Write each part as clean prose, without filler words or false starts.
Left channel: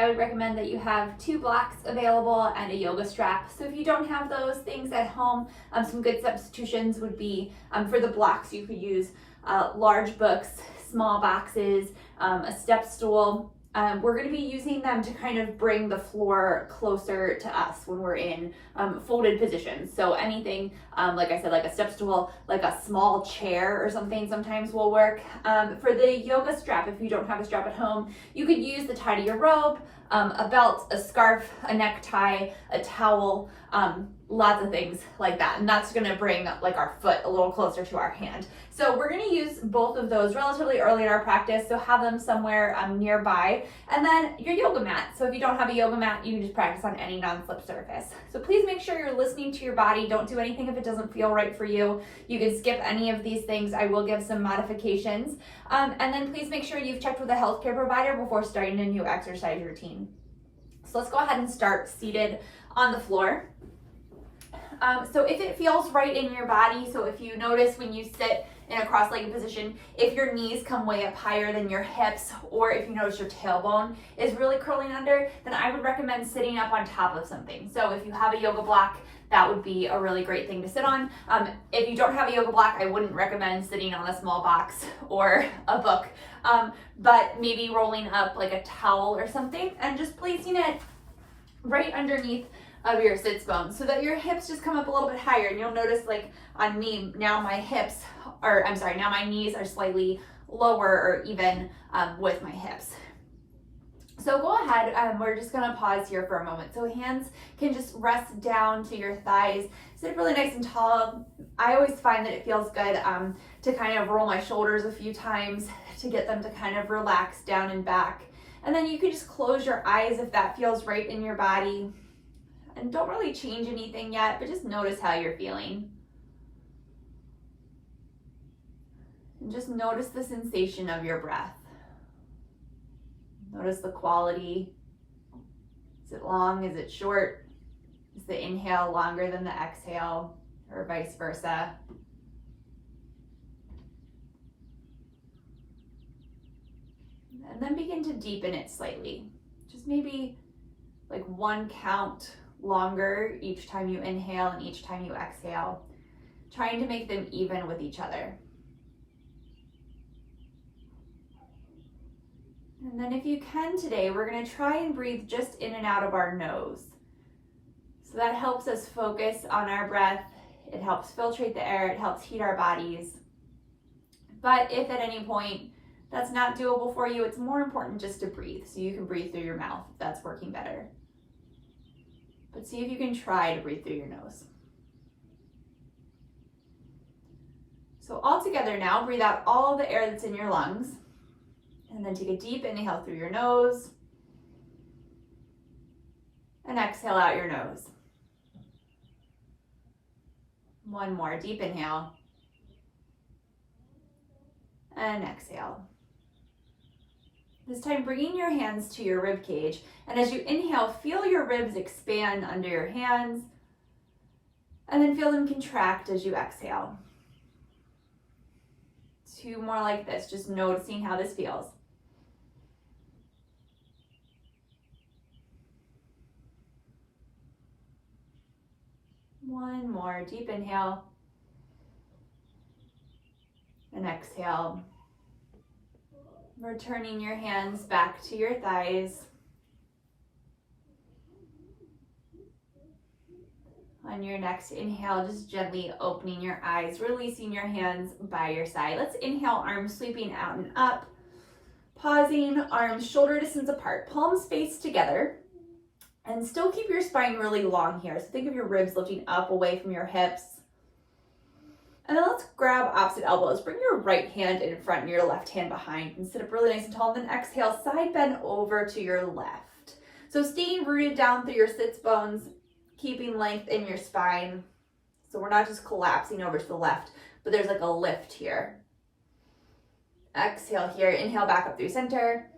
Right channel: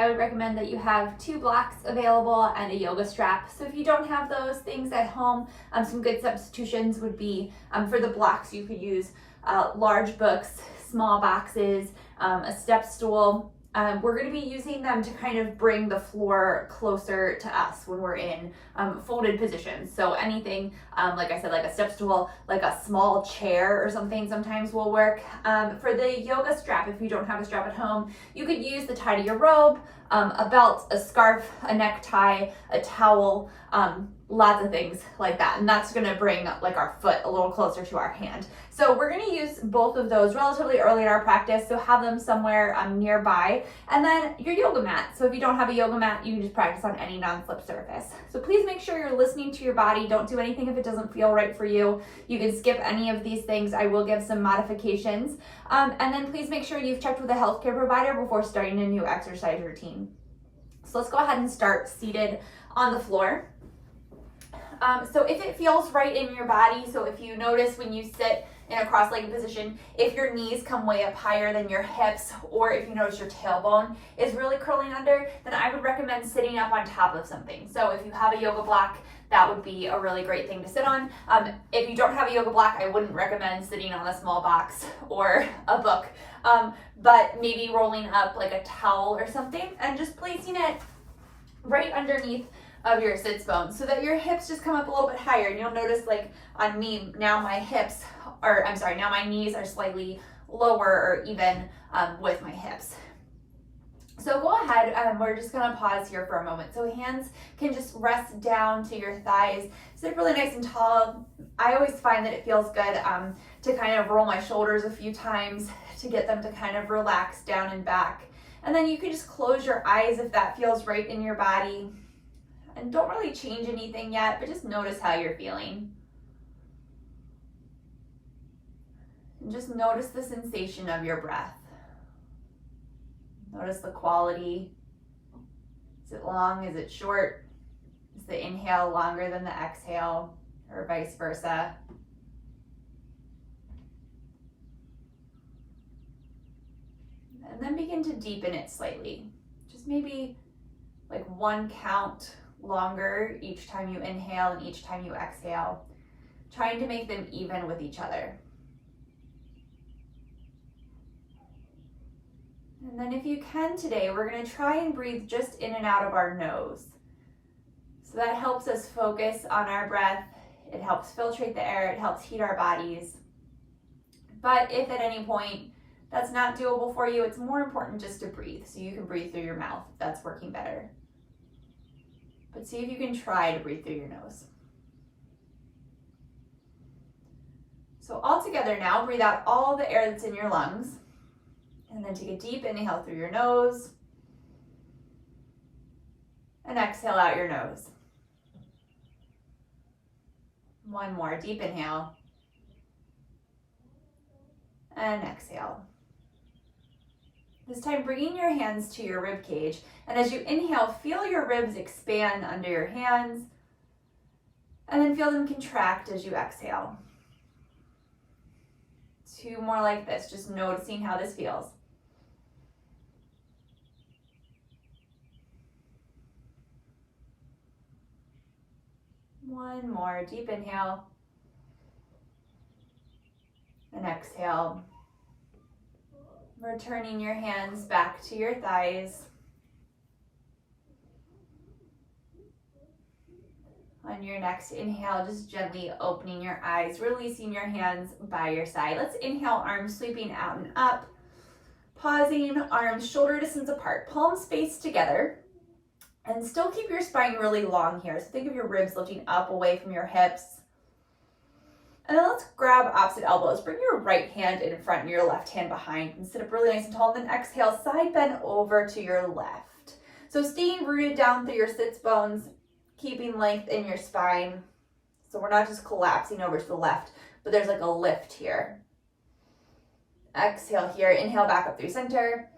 I would recommend that you have 2 blocks available and a yoga strap. So if you don't have those things at home, some good substitutions would be, for the blocks, you could use large books, small boxes, a step stool. We're going to be using them to kind of bring the floor closer to us when we're in folded positions. So anything, like I said, like a step stool, like a small chair or something sometimes will work. For the yoga strap, if you don't have a strap at home, you could use the tie to your robe, a belt, a scarf, a necktie, a towel, lots of things like that. And that's gonna bring like our foot a little closer to our hand. So we're gonna use both of those relatively early in our practice, so have them somewhere nearby. And then your yoga mat. So if you don't have a yoga mat, you can just practice on any non-slip surface. So please make sure you're listening to your body. Don't do anything if it doesn't feel right for you. You can skip any of these things. I will give some modifications. And then please make sure you've checked with a healthcare provider before starting a new exercise routine. So let's go ahead and start seated on the floor. So if it feels right in your body, so if you notice when you sit in a cross-legged position, if your knees come way up higher than your hips, or if you notice your tailbone is really curling under, then I would recommend sitting up on top of something. So if you have a yoga block, that would be a really great thing to sit on. If you don't have a yoga block, I wouldn't recommend sitting on a small box or a book, but maybe rolling up like a towel or something and just placing it right underneath of your sits bone so that your hips just come up a little bit higher. And you'll notice, like on me, now my knees are slightly lower or even with my hips. So go ahead, we're just gonna pause here for a moment. So hands can just rest down to your thighs. Sit really nice and tall. I always find that it feels good to kind of roll my shoulders a few times to get them to kind of relax down and back. And then you can just close your eyes if that feels right in your body. And don't really change anything yet, but just notice how you're feeling. And just notice the sensation of your breath. Notice the quality. Is it long? Is it short? Is the inhale longer than the exhale, or vice versa? And then begin to deepen it slightly. Just maybe like 1 count longer each time you inhale and each time you exhale, trying to make them even with each other. And then if you can today, we're going to try and breathe just in and out of our nose. So that helps us focus on our breath. It helps filtrate the air. It helps heat our bodies. But if at any point that's not doable for you, it's more important just to breathe. So you can breathe through your mouth if that's working better. But see if you can try to breathe through your nose. So all together now, breathe out all the air that's in your lungs. And then take a deep inhale through your nose. And exhale out your nose. 1 more deep inhale. And exhale. This time, bringing your hands to your rib cage. And as you inhale, feel your ribs expand under your hands. And then feel them contract as you exhale. 2 more like this, just noticing how this feels. One more deep inhale. And exhale. Returning your hands back to your thighs. On your next inhale, just gently opening your eyes, releasing your hands by your side. Let's inhale, arms sweeping out and up. Pausing, arms shoulder distance apart, palms face together. And still keep your spine really long here. So think of your ribs lifting up away from your hips. And then let's grab opposite elbows. Bring your right hand in front and your left hand behind and sit up really nice and tall. Then exhale, side bend over to your left. So staying rooted down through your sits bones, keeping length in your spine. So we're not just collapsing over to the left, but there's like a lift here. Exhale here, inhale back up through center.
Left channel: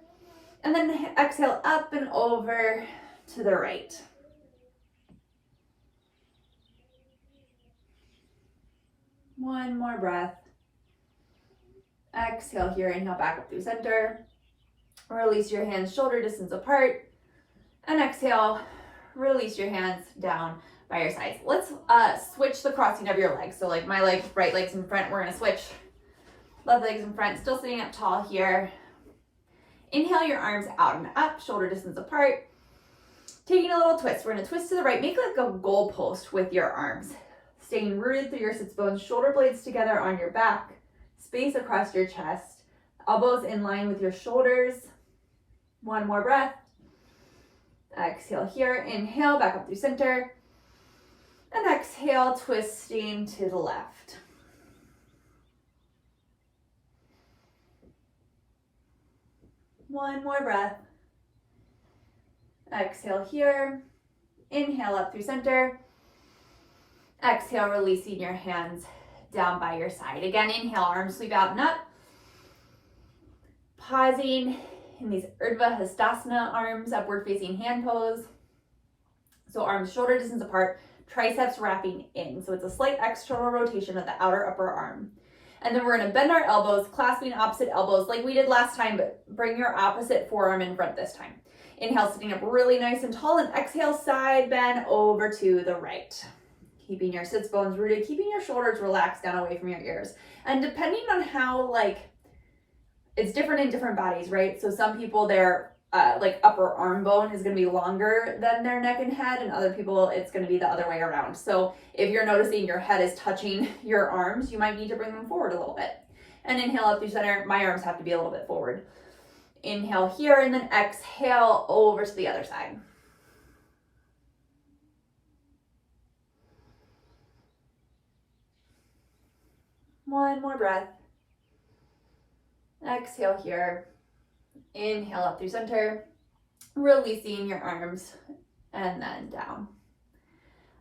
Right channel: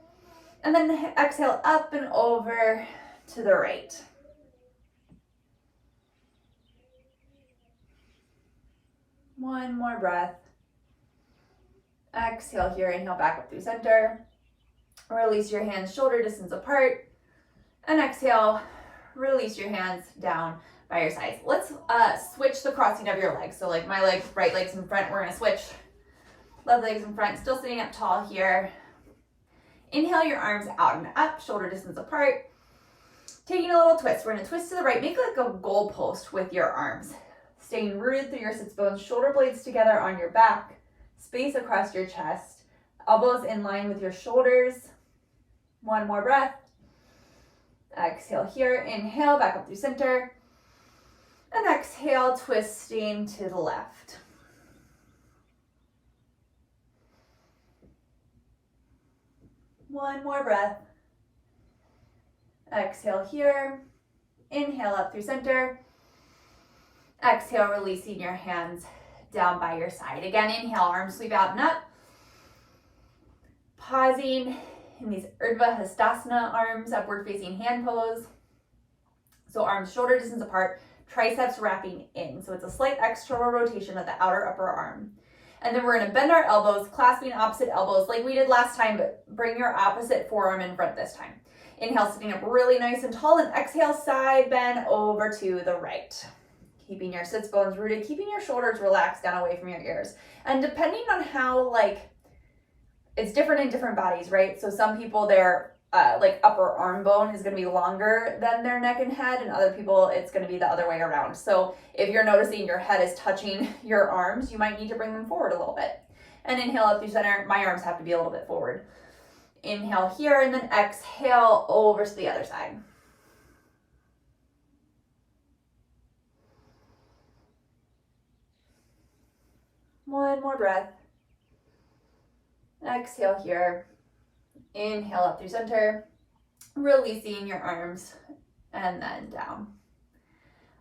And then exhale up and over to the right. One more breath. Exhale here, inhale back up through center. Release your hands shoulder distance apart. And exhale, release your hands down by your sides. Let's switch the crossing of your legs. So like my legs, right leg's in front, we're gonna switch. Left leg's in front, still sitting up tall here. Inhale your arms out and up, shoulder distance apart. Taking a little twist, we're gonna twist to the right, make like a goalpost with your arms. Staying rooted through your sits bones, shoulder blades together on your back, space across your chest, elbows in line with your shoulders. One more breath. Exhale here, inhale, back up through center. And exhale, twisting to the left. One more breath. Exhale here. Inhale up through center. Exhale, releasing your hands down by your side. Again, inhale, arms sweep out and up. Pausing in these Urdhva Hastasana arms, upward facing hand pose. So arms shoulder distance apart, triceps wrapping in. So it's a slight external rotation of the outer upper arm. And then we're gonna bend our elbows, clasping opposite elbows like we did last time, but bring your opposite forearm in front this time. Inhale, sitting up really nice and tall, and exhale, side bend over to the right. Keeping your sits bones rooted, keeping your shoulders relaxed down away from your ears. And depending on how, it's different in different bodies, right? So some people, their upper arm bone is going to be longer than their neck and head, and other people it's going to be the other way around. So if you're noticing your head is touching your arms, you might need to bring them forward a little bit. And inhale up through center. My arms have to be a little bit forward. Inhale here, and then exhale over to the other side. One more breath. Exhale here. Inhale up through center, releasing your arms, and then down.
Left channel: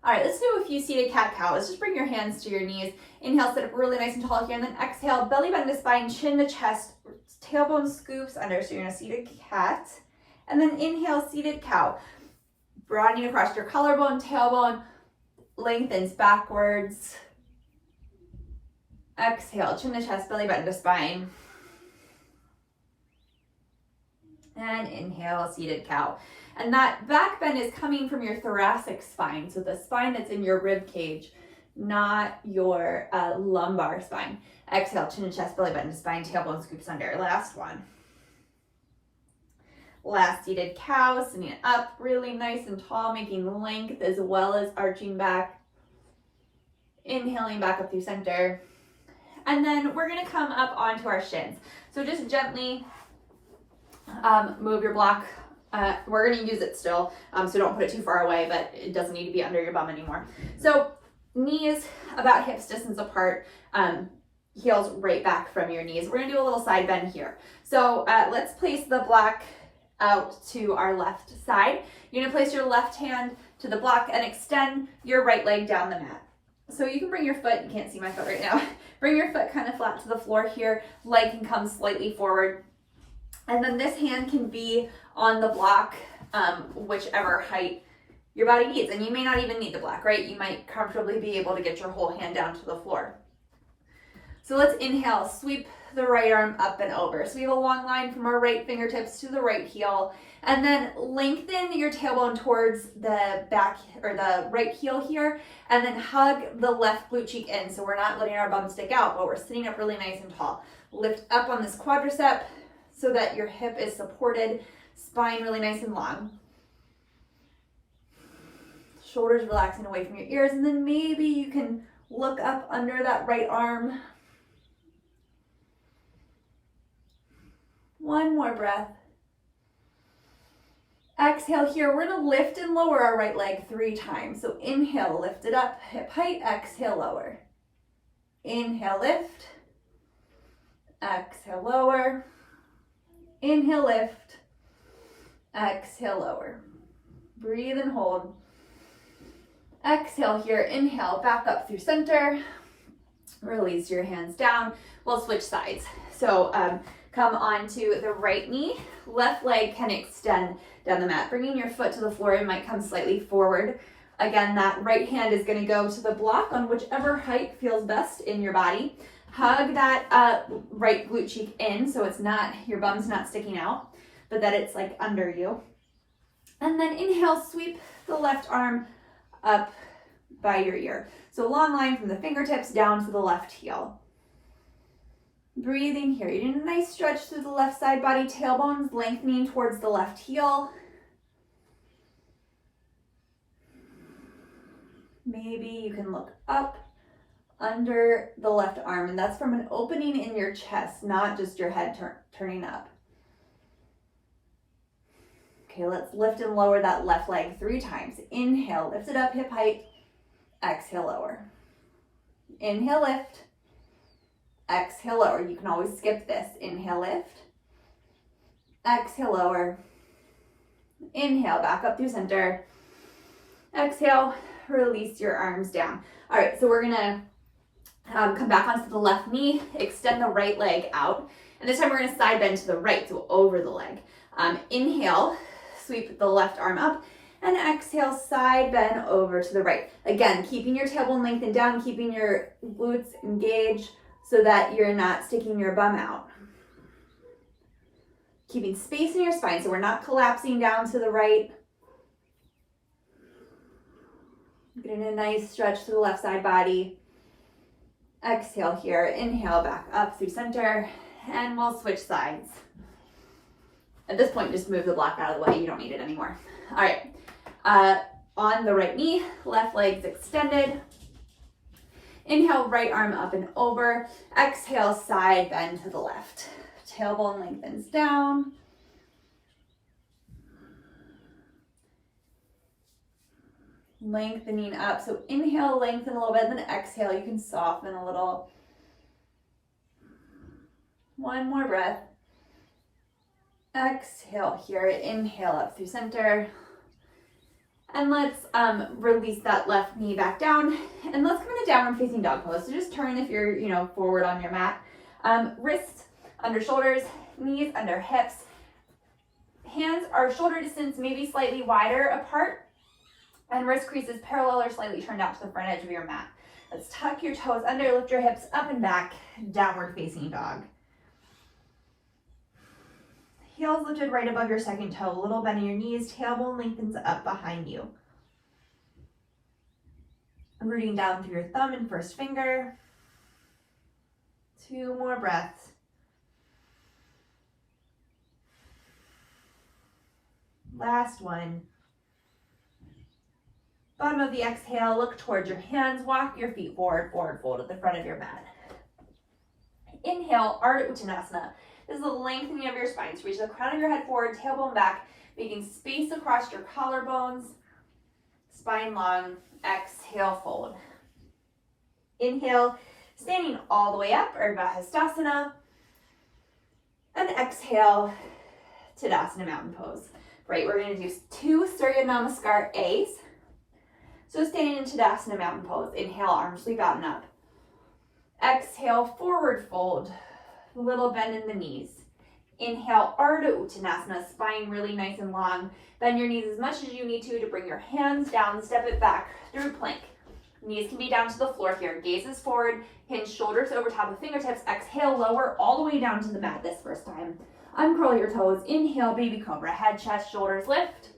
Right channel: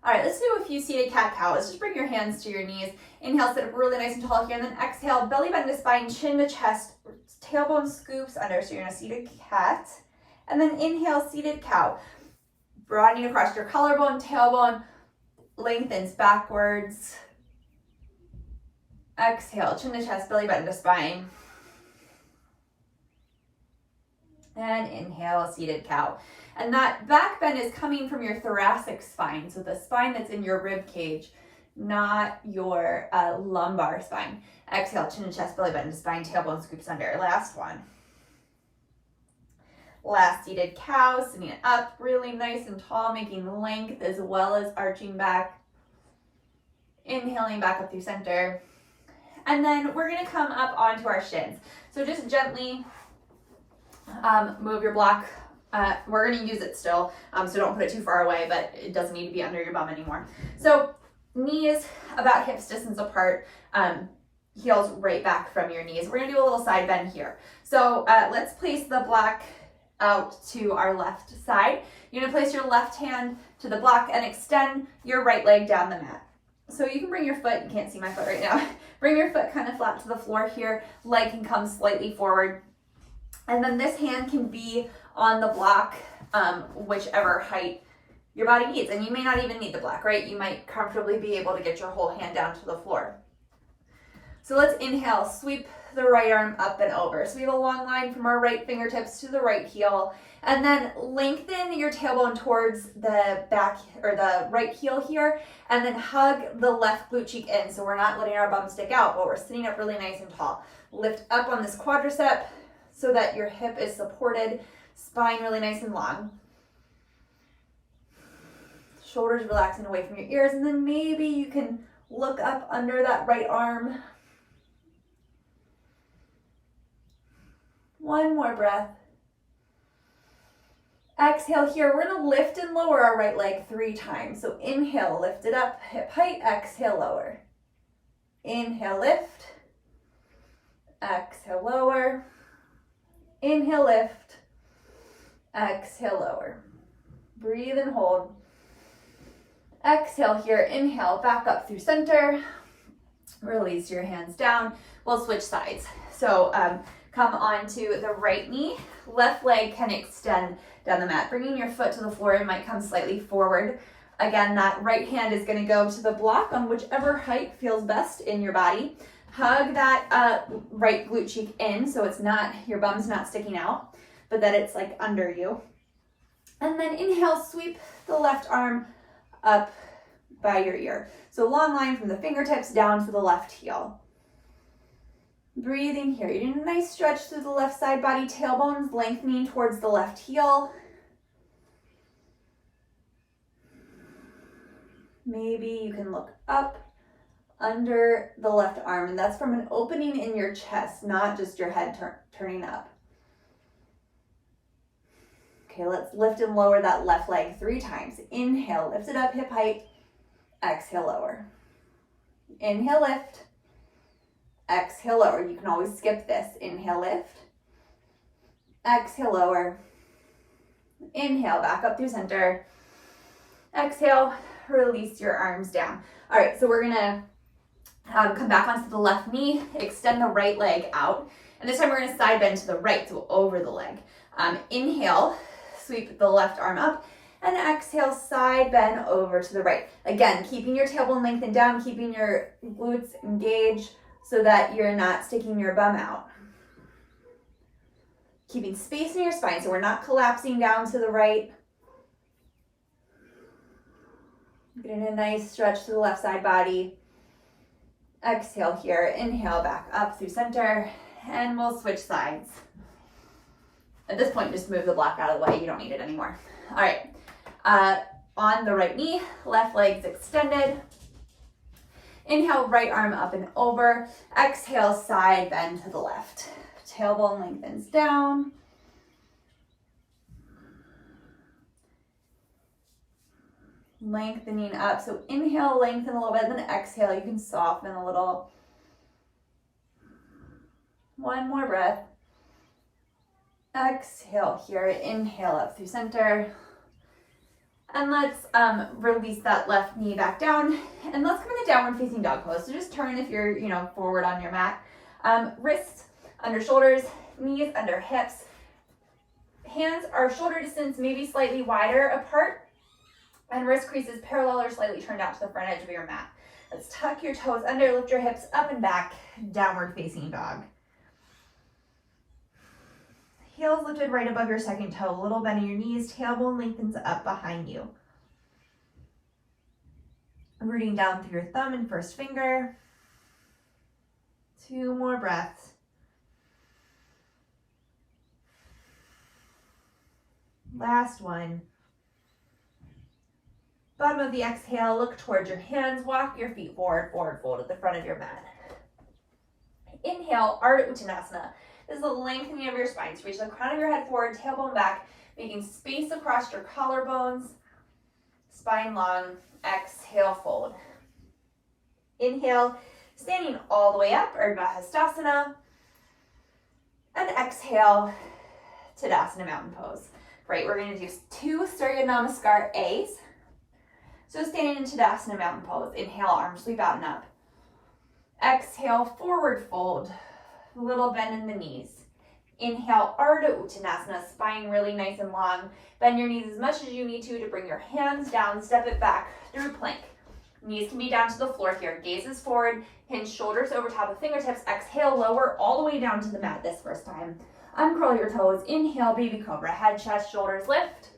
All right, let's do a few seated cat-cow. Let's just bring your hands to your knees. Inhale, sit up really nice and tall here, and then exhale, belly bend to spine, chin to chest, tailbone scoops under, so you're in a seated cat. And then inhale, seated cow. Broadening across your collarbone, tailbone, lengthens backwards. Exhale, chin to chest, belly bend to spine. And inhale, seated cow. And that back bend is coming from your thoracic spine, so the spine that's in your rib cage, not your lumbar spine. Exhale, chin to chest, belly button to spine, tailbone scoops under. Last one. Last seated cow, sitting up really nice and tall, making length as well as arching back. Inhaling back up through center. And then we're gonna come up onto our shins. So just gently move your block. We're gonna use it still, so don't put it too far away, but it doesn't need to be under your bum anymore. So knees about hips distance apart, heels right back from your knees. We're gonna do a little side bend here. So let's place the block out to our left side. You're gonna place your left hand to the block and extend your right leg down the mat. So you can bring your foot, you can't see my foot right now, bring your foot kind of flat to the floor here, leg can come slightly forward. And then this hand can be on the block, whichever height your body needs. And you may not even need the block, right? You might comfortably be able to get your whole hand down to the floor. So let's inhale, sweep the right arm up and over. So we have a long line from our right fingertips to the right heel. And then lengthen your tailbone towards the back or the right heel here. And then hug the left glute cheek in. So we're not letting our bum stick out, but we're sitting up really nice and tall. Lift up on this quadricep so that your hip is supported, spine really nice and long. Shoulders relaxing away from your ears. And then maybe you can look up under that right arm. One more breath. Exhale here. We're gonna lift and lower our right leg 3 times. So inhale, lift it up, hip height, exhale, lower. Inhale, lift. Exhale, lower. Inhale, lift. Exhale, lower. Breathe and hold. Exhale here, inhale, back up through center. Release your hands down. We'll switch sides. So come onto the right knee. Left leg can extend down the mat. Bringing your foot to the floor, it might come slightly forward. Again, that right hand is gonna go to the block on whichever height feels best in your body. Hug that right glute cheek in so it's not, your bum's not sticking out, but that it's like under you. And then inhale, sweep the left arm up by your ear. So long line from the fingertips down to the left heel. Breathing here. You're doing a nice stretch through the left side body, tailbones lengthening towards the left heel. Maybe you can look up under the left arm, and that's from an opening in your chest, not just your head turning up. Okay, let's lift and lower that left leg 3 times. Inhale, lift it up hip height. Exhale, lower. Inhale, lift. Exhale, lower. You can always skip this. Inhale, lift. Exhale, lower. Inhale, back up through center. Exhale, release your arms down. All right, so we're gonna come back onto the left knee, extend the right leg out. And this time we're gonna side bend to the right, so over the leg. Inhale, sweep the left arm up, and exhale, side bend over to the right. Again, keeping your tailbone lengthened down, keeping your glutes engaged so that you're not sticking your bum out. Keeping space in your spine so we're not collapsing down to the right. Getting a nice stretch to the left side body. Exhale here, inhale back up through center, and we'll switch sides. At this point, just move the block out of the way. You don't need it anymore. All right, on the right knee, left leg's extended. Inhale, right arm up and over. Exhale, side bend to the left. Tailbone lengthens down. Lengthening up. So inhale, lengthen a little bit, then exhale, you can soften a little. One more breath. Exhale here, inhale up through center. And let's release that left knee back down. And let's come into downward facing dog pose. So just turn if you're, forward on your mat. Wrists under shoulders, knees under hips. Hands are shoulder distance, maybe slightly wider apart. And wrist creases parallel or slightly turned out to the front edge of your mat. Let's tuck your toes under, lift your hips up and back, downward facing dog. Heels lifted right above your second toe, a little bend in your knees, tailbone lengthens up behind you. Rooting down through your thumb and first finger. 2 more breaths. Last one. Bottom of the exhale, look towards your hands, walk your feet forward, forward fold at the front of your mat. Inhale, Ardha Uttanasana. This is the lengthening of your spine. So reach the crown of your head forward, tailbone back, making space across your collarbones, spine long. Exhale, fold. Inhale, standing all the way up, Urdhva Hastasana. And exhale, Tadasana Mountain Pose. Right, we're going to do 2 Surya Namaskar A's. So standing in Tadasana Mountain Pose, inhale, arms sweep out and up. Exhale, forward fold, little bend in the knees. Inhale, Ardha Uttanasana, spine really nice and long. Bend your knees as much as you need to bring your hands down, step it back through plank. Knees can be down to the floor here. Gazes forward, hinge shoulders over top of fingertips. Exhale, lower all the way down to the mat this first time. Uncurl your toes. Inhale, baby cobra, head, chest, shoulders lift.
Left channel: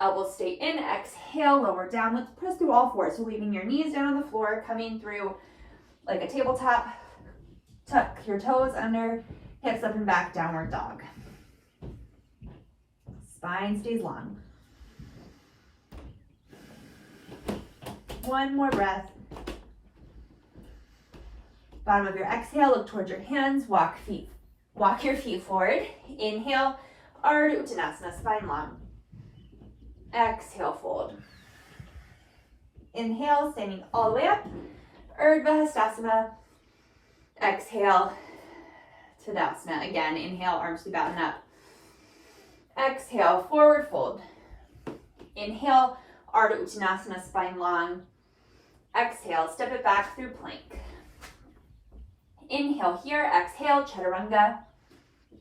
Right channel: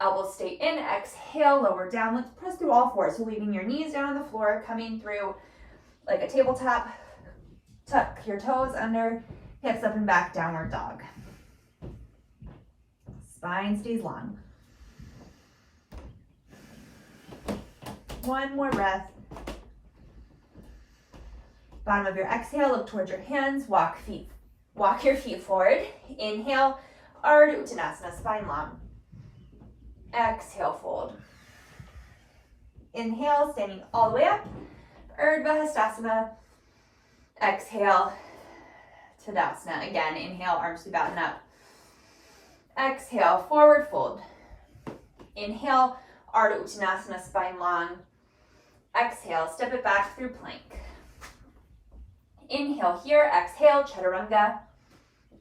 Elbows stay in, exhale, lower down. Let's press through all 4. So leaving your knees down on the floor, coming through like a tabletop. Tuck your toes under, hips up and back, downward dog. Spine stays long. 1 more breath. Bottom of your exhale, look towards your hands, walk your feet forward. Inhale, Ardha Uttanasana, spine long. Exhale, fold. Inhale, standing all the way up, Urdhva Hastasana. Exhale, Tadasana. Again, inhale, arms sweep out and up. Exhale, forward fold. Inhale, Ardha Uttanasana, spine long. Exhale, step it back through plank. Inhale here, exhale, Chaturanga.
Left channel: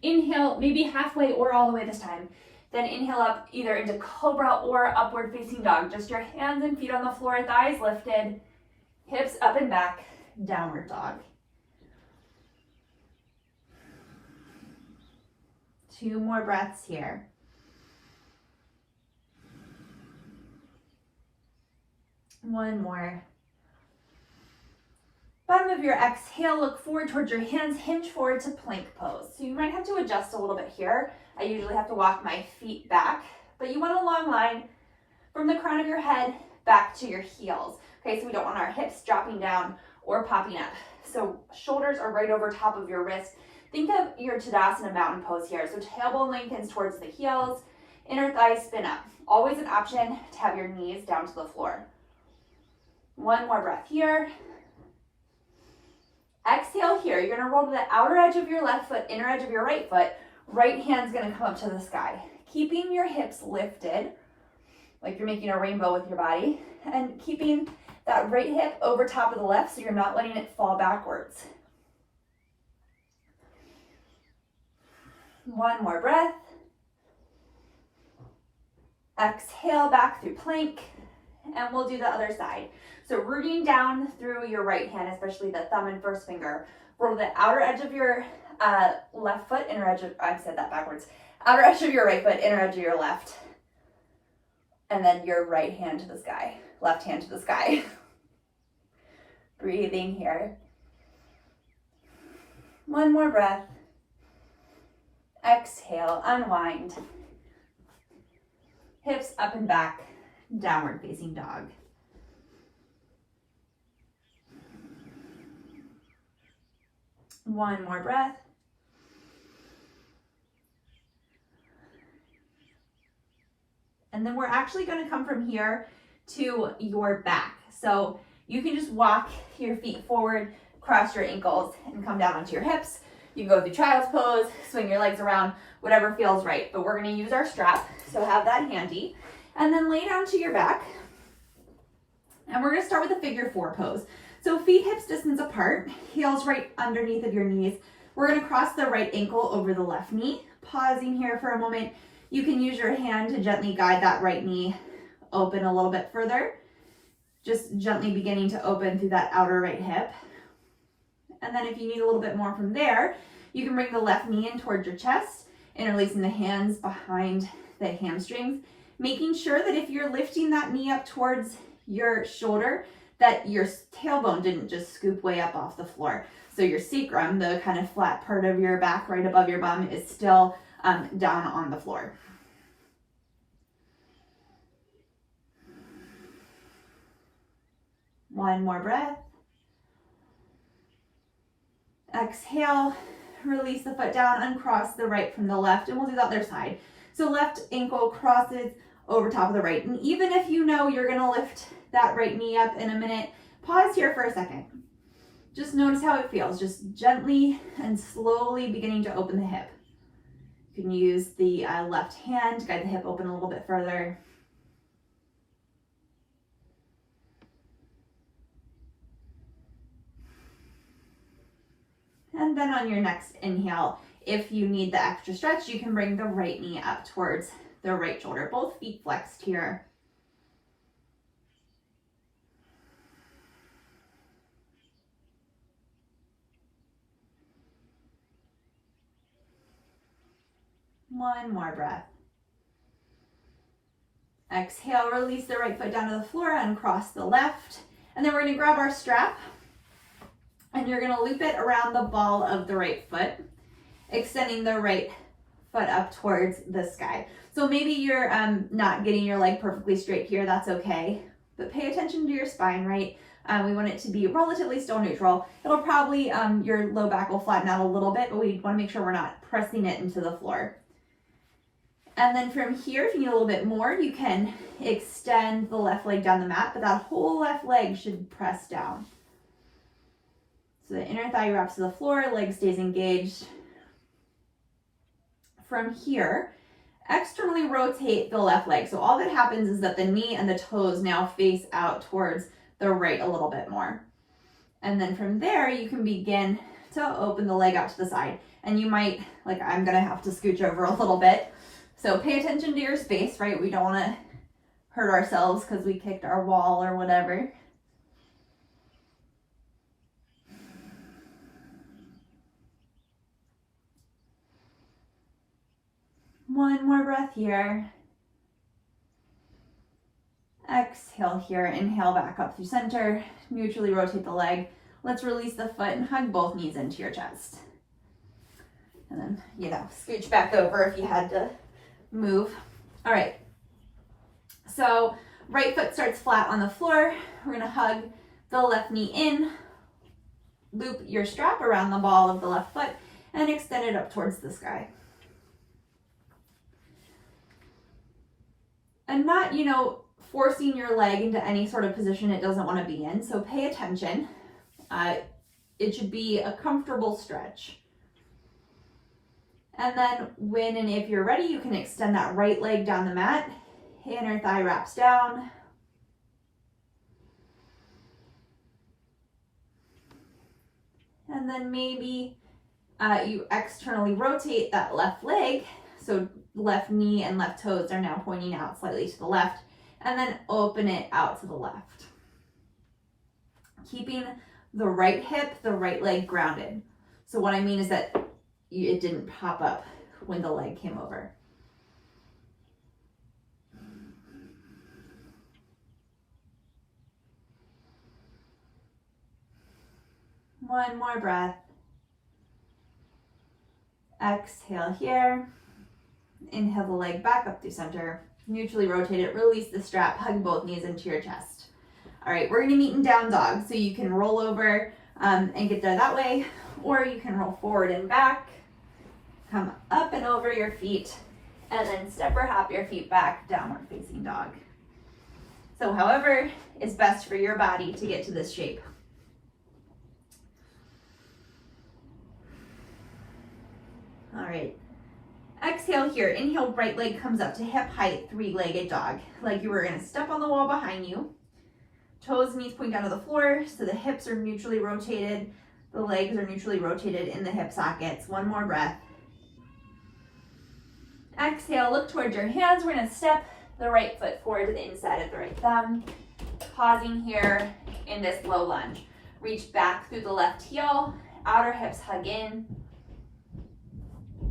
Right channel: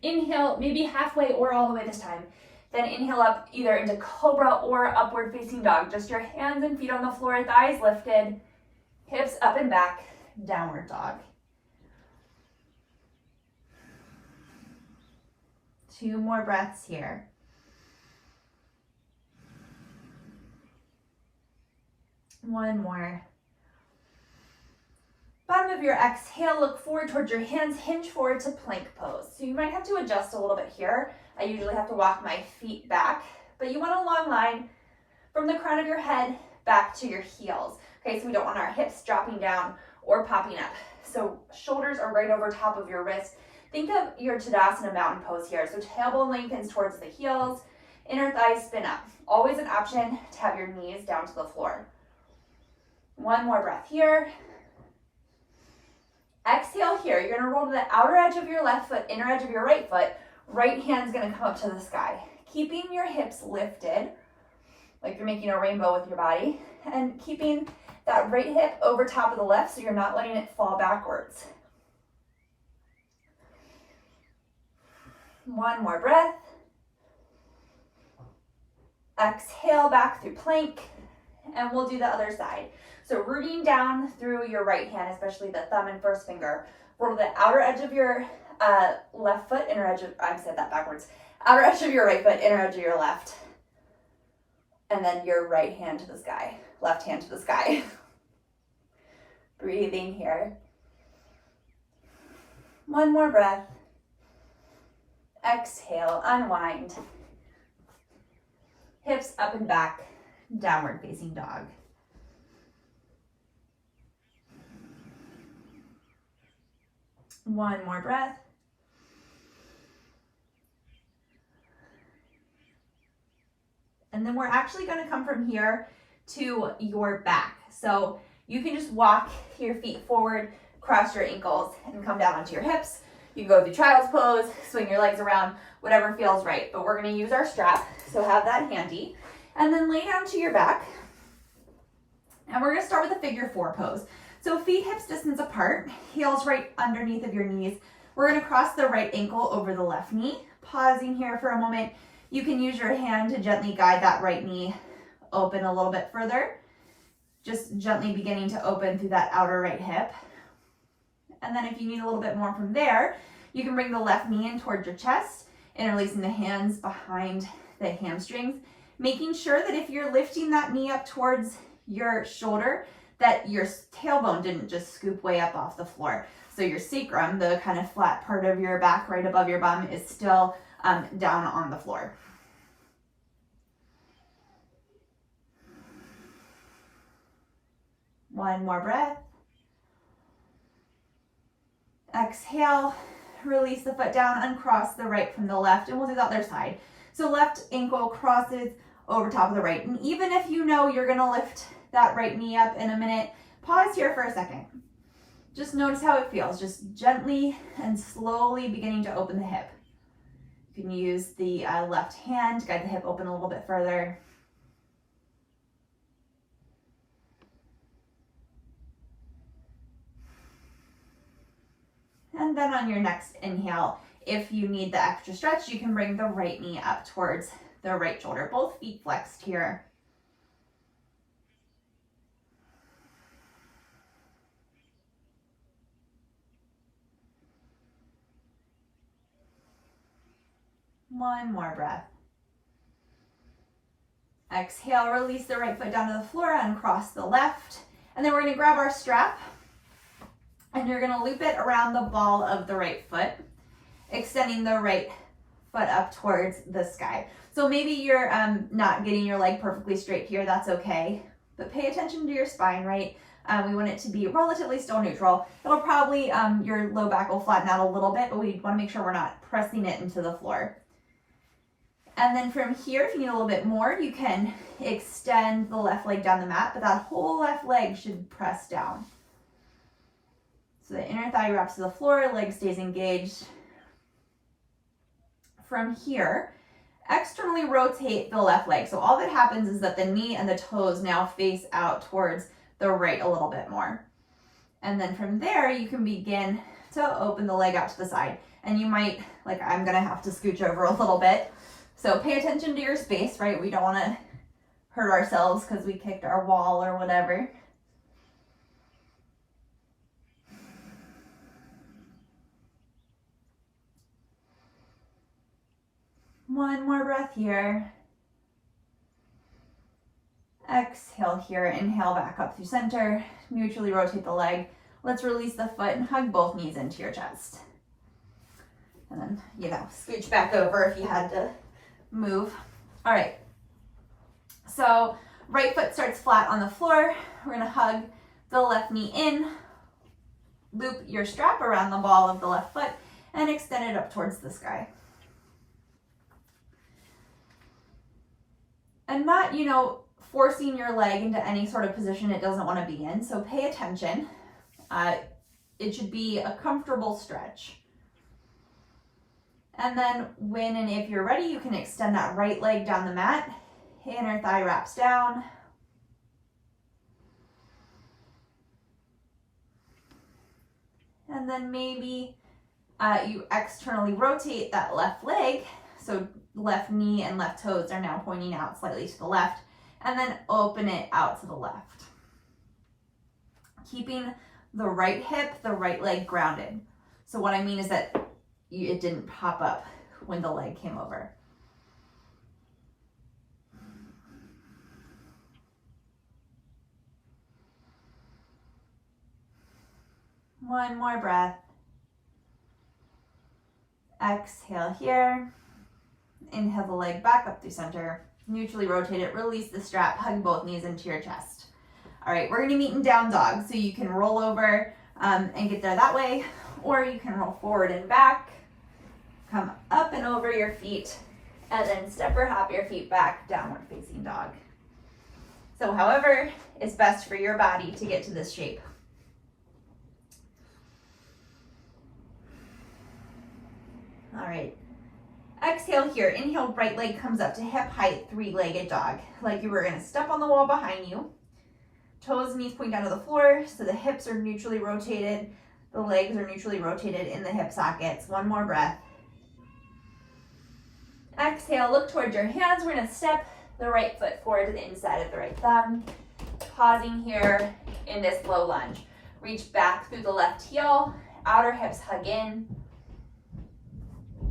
Inhale, maybe halfway or all the way this time. Then inhale up either into cobra or upward facing dog. Just your hands and feet on the floor, thighs lifted, hips up and back, downward dog. 2 more breaths here. One more. Bottom of your exhale, look forward towards your hands, hinge forward to plank pose. So you might have to adjust a little bit here. I usually have to walk my feet back, but you want a long line from the crown of your head back to your heels. Okay, so we don't want our hips dropping down or popping up. So shoulders are right over top of your wrist. Think of your Tanasana mountain pose here. So tailbone lengthens towards the heels, inner thighs spin up. Always an option to have your knees down to the floor. One more breath here. Exhale here. You're gonna roll to the outer edge of your left foot, inner edge of your right foot. Right hand's gonna come up to the sky. Keeping your hips lifted, like you're making a rainbow with your body, and keeping that right hip over top of the left so you're not letting it fall backwards. One more breath. Exhale back through plank, and we'll do the other side. So rooting down through your right hand, especially the thumb and first finger. Roll the outer edge of your left foot, inner edge of, I said that backwards. Outer edge of your right foot, inner edge of your left. And then your right hand to the sky, left hand to the sky. Breathing here. One more breath. Exhale, unwind. Hips up and back, downward facing dog. One more breath. And then we're actually going to come from here to your back. So you can just walk your feet forward, cross your ankles, and come down onto your hips. You can go through child's pose, swing your legs around, whatever feels right. But we're going to use our strap, so have that handy. And then lay down to your back. And we're going to start with a figure 4 pose. So feet hips distance apart, heels right underneath of your knees. We're going to cross the right ankle over the left knee. Pausing here for a moment. You can use your hand to gently guide that right knee open a little bit further. Just gently beginning to open through that outer right hip. And then if you need a little bit more from there, you can bring the left knee in towards your chest, interlacing the hands behind the hamstrings, making sure that if you're lifting that knee up towards your shoulder, that your tailbone didn't just scoop way up off the floor. So your sacrum, the kind of flat part of your back right above your bum, is still down on the floor. One more breath. Exhale, release the foot down, uncross the right from the left, and we'll do the other side. So left ankle crosses over top of the right. And even if you know you're gonna lift that right knee up in a minute, pause here for a second. Just notice how it feels, just gently and slowly beginning to open the hip. You can use the left hand to guide the hip open a little bit further. And then on your next inhale, if you need the extra stretch, you can bring the right knee up towards the right shoulder. Both feet flexed here. One more breath. Exhale, release the right foot down to the floor, uncross the left. And then we're gonna grab our strap and you're gonna loop it around the ball of the right foot, extending the right foot up towards the sky. So maybe you're not getting your leg perfectly straight here, that's okay. But pay attention to your spine, right? We want it to be relatively still neutral. It'll probably, your low back will flatten out a little bit, but we wanna make sure we're not pressing it into the floor. And then from here, if you need a little bit more, you can extend the left leg down the mat, but that whole left leg should press down. So the inner thigh wraps to the floor, leg stays engaged. From here, externally rotate the left leg. So all that happens is that the knee and the toes now face out towards the right a little bit more. And then from there, you can begin to open the leg out to the side. And you might, like I'm gonna have to scooch over a little bit. So pay attention to your space, right? We don't wanna hurt ourselves because we kicked our wall or whatever. One more breath here. Exhale here, inhale back up through center, neutrally rotate the leg. Let's release the foot and hug both knees into your chest. And then, scooch back over if you had to move. All right. So right foot starts flat on the floor. We're gonna hug the left knee in, loop your strap around the ball of the left foot, and extend it up towards the sky. And not, forcing your leg into any sort of position it doesn't want to be in. So pay attention. It should be a comfortable stretch. And then when and if you're ready, you can extend that right leg down the mat. Inner thigh wraps down. And then maybe you externally rotate that left leg. So left knee and left toes are now pointing out slightly to the left. And then open it out to the left. Keeping the right hip, the right leg grounded. So what I mean is that it didn't pop up when the leg came over. One more breath. Exhale here. Inhale the leg back up through center. Neutrally rotate it, release the strap, hug both knees into your chest. All right, we're gonna meet in down dog. So you can roll over and get there that way, or you can roll forward and back, come up and over your feet, and then step or hop your feet back, downward facing dog. So however is best for your body to get to this shape. All right. Exhale here, inhale, right leg comes up to hip height, three-legged dog. Like you were gonna step on the wall behind you. Toes, knees point down to the floor, so the hips are neutrally rotated. The legs are neutrally rotated in the hip sockets. One more breath. Exhale, look towards your hands. We're gonna step the right foot forward to the inside of the right thumb. Pausing here in this low lunge. Reach back through the left heel, outer hips hug in.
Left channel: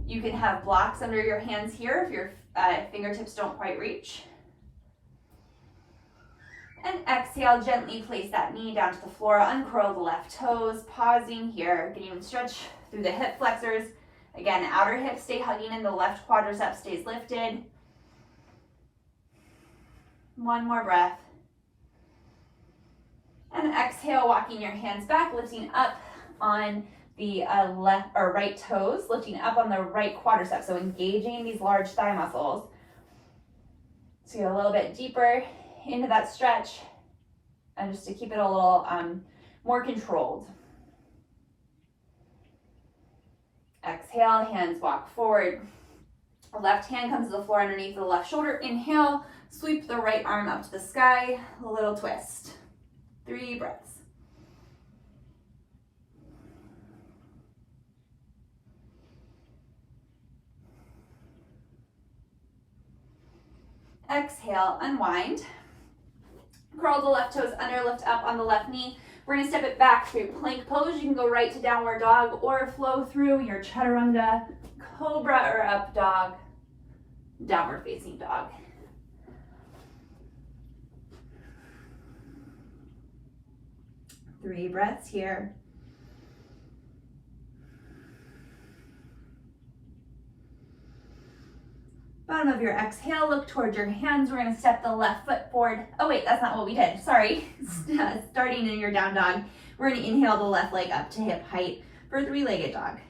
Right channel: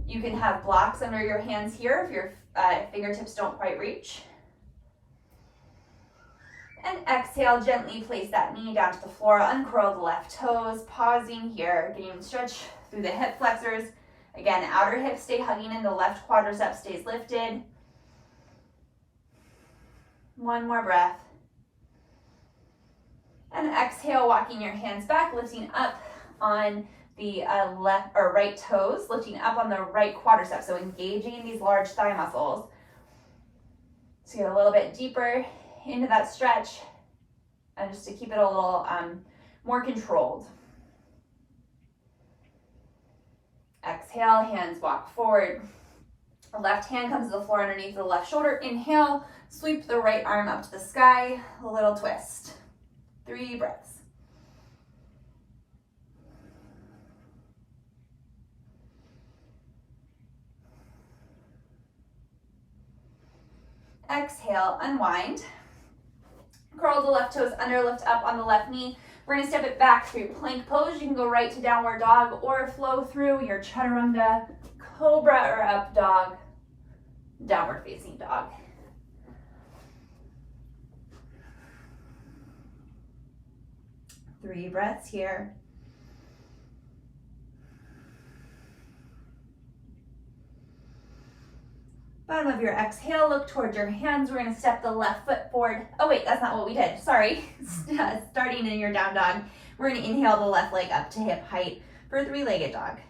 You can have blocks under your hands here if your fingertips don't quite reach. And exhale, gently place that knee down to the floor, uncurl the left toes, pausing here, getting a stretch through the hip flexors. Again, outer hips stay hugging in, the left quadricep stays lifted. One more breath. And exhale, walking your hands back, lifting up on the left or right toes, lifting up on the right quadricep, so engaging these large thigh muscles. So get a little bit deeper into that stretch, and just to keep it a little more controlled. Exhale, hands walk forward. The left hand comes to the floor underneath the left shoulder. Inhale, sweep the right arm up to the sky, a little twist. 3 breaths. Exhale, unwind. Curl the left toes under, lift up on the left knee. We're gonna step it back through plank pose. You can go right to downward dog or flow through your chaturanga, cobra or up dog, downward facing dog. Three breaths here. Bottom of your exhale, look towards your hands. We're gonna step the left foot forward. Oh wait, that's not what we did, sorry. Starting in your down dog, we're gonna inhale the left leg up to hip height for three-legged dog.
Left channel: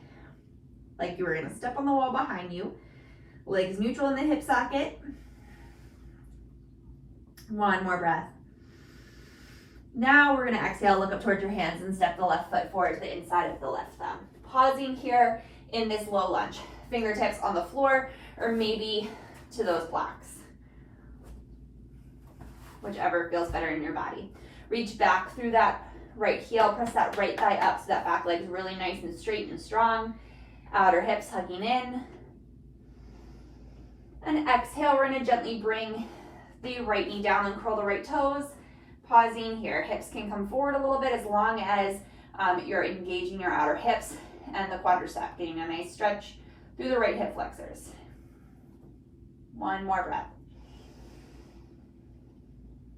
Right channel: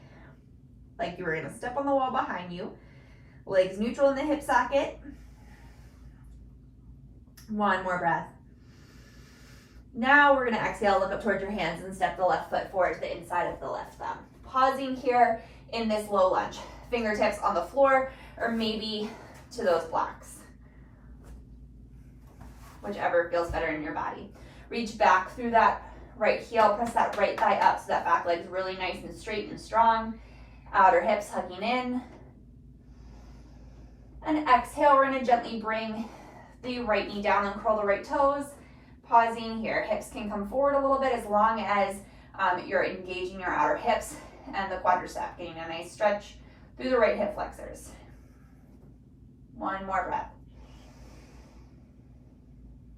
Like you were gonna step on the wall behind you. Legs neutral in the hip socket. One more breath. Now we're gonna exhale, look up towards your hands and step the left foot forward to the inside of the left thumb. Pausing here in this low lunge. Fingertips on the floor, or maybe to those blocks. Whichever feels better in your body. Reach back through that right heel, press that right thigh up so that back leg's really nice and straight and strong. Outer hips hugging in. And exhale, we're gonna gently bring the right knee down and curl the right toes. Pausing here, hips can come forward a little bit as long as you're engaging your outer hips and the quadricep, getting a nice stretch through the right hip flexors. One more breath.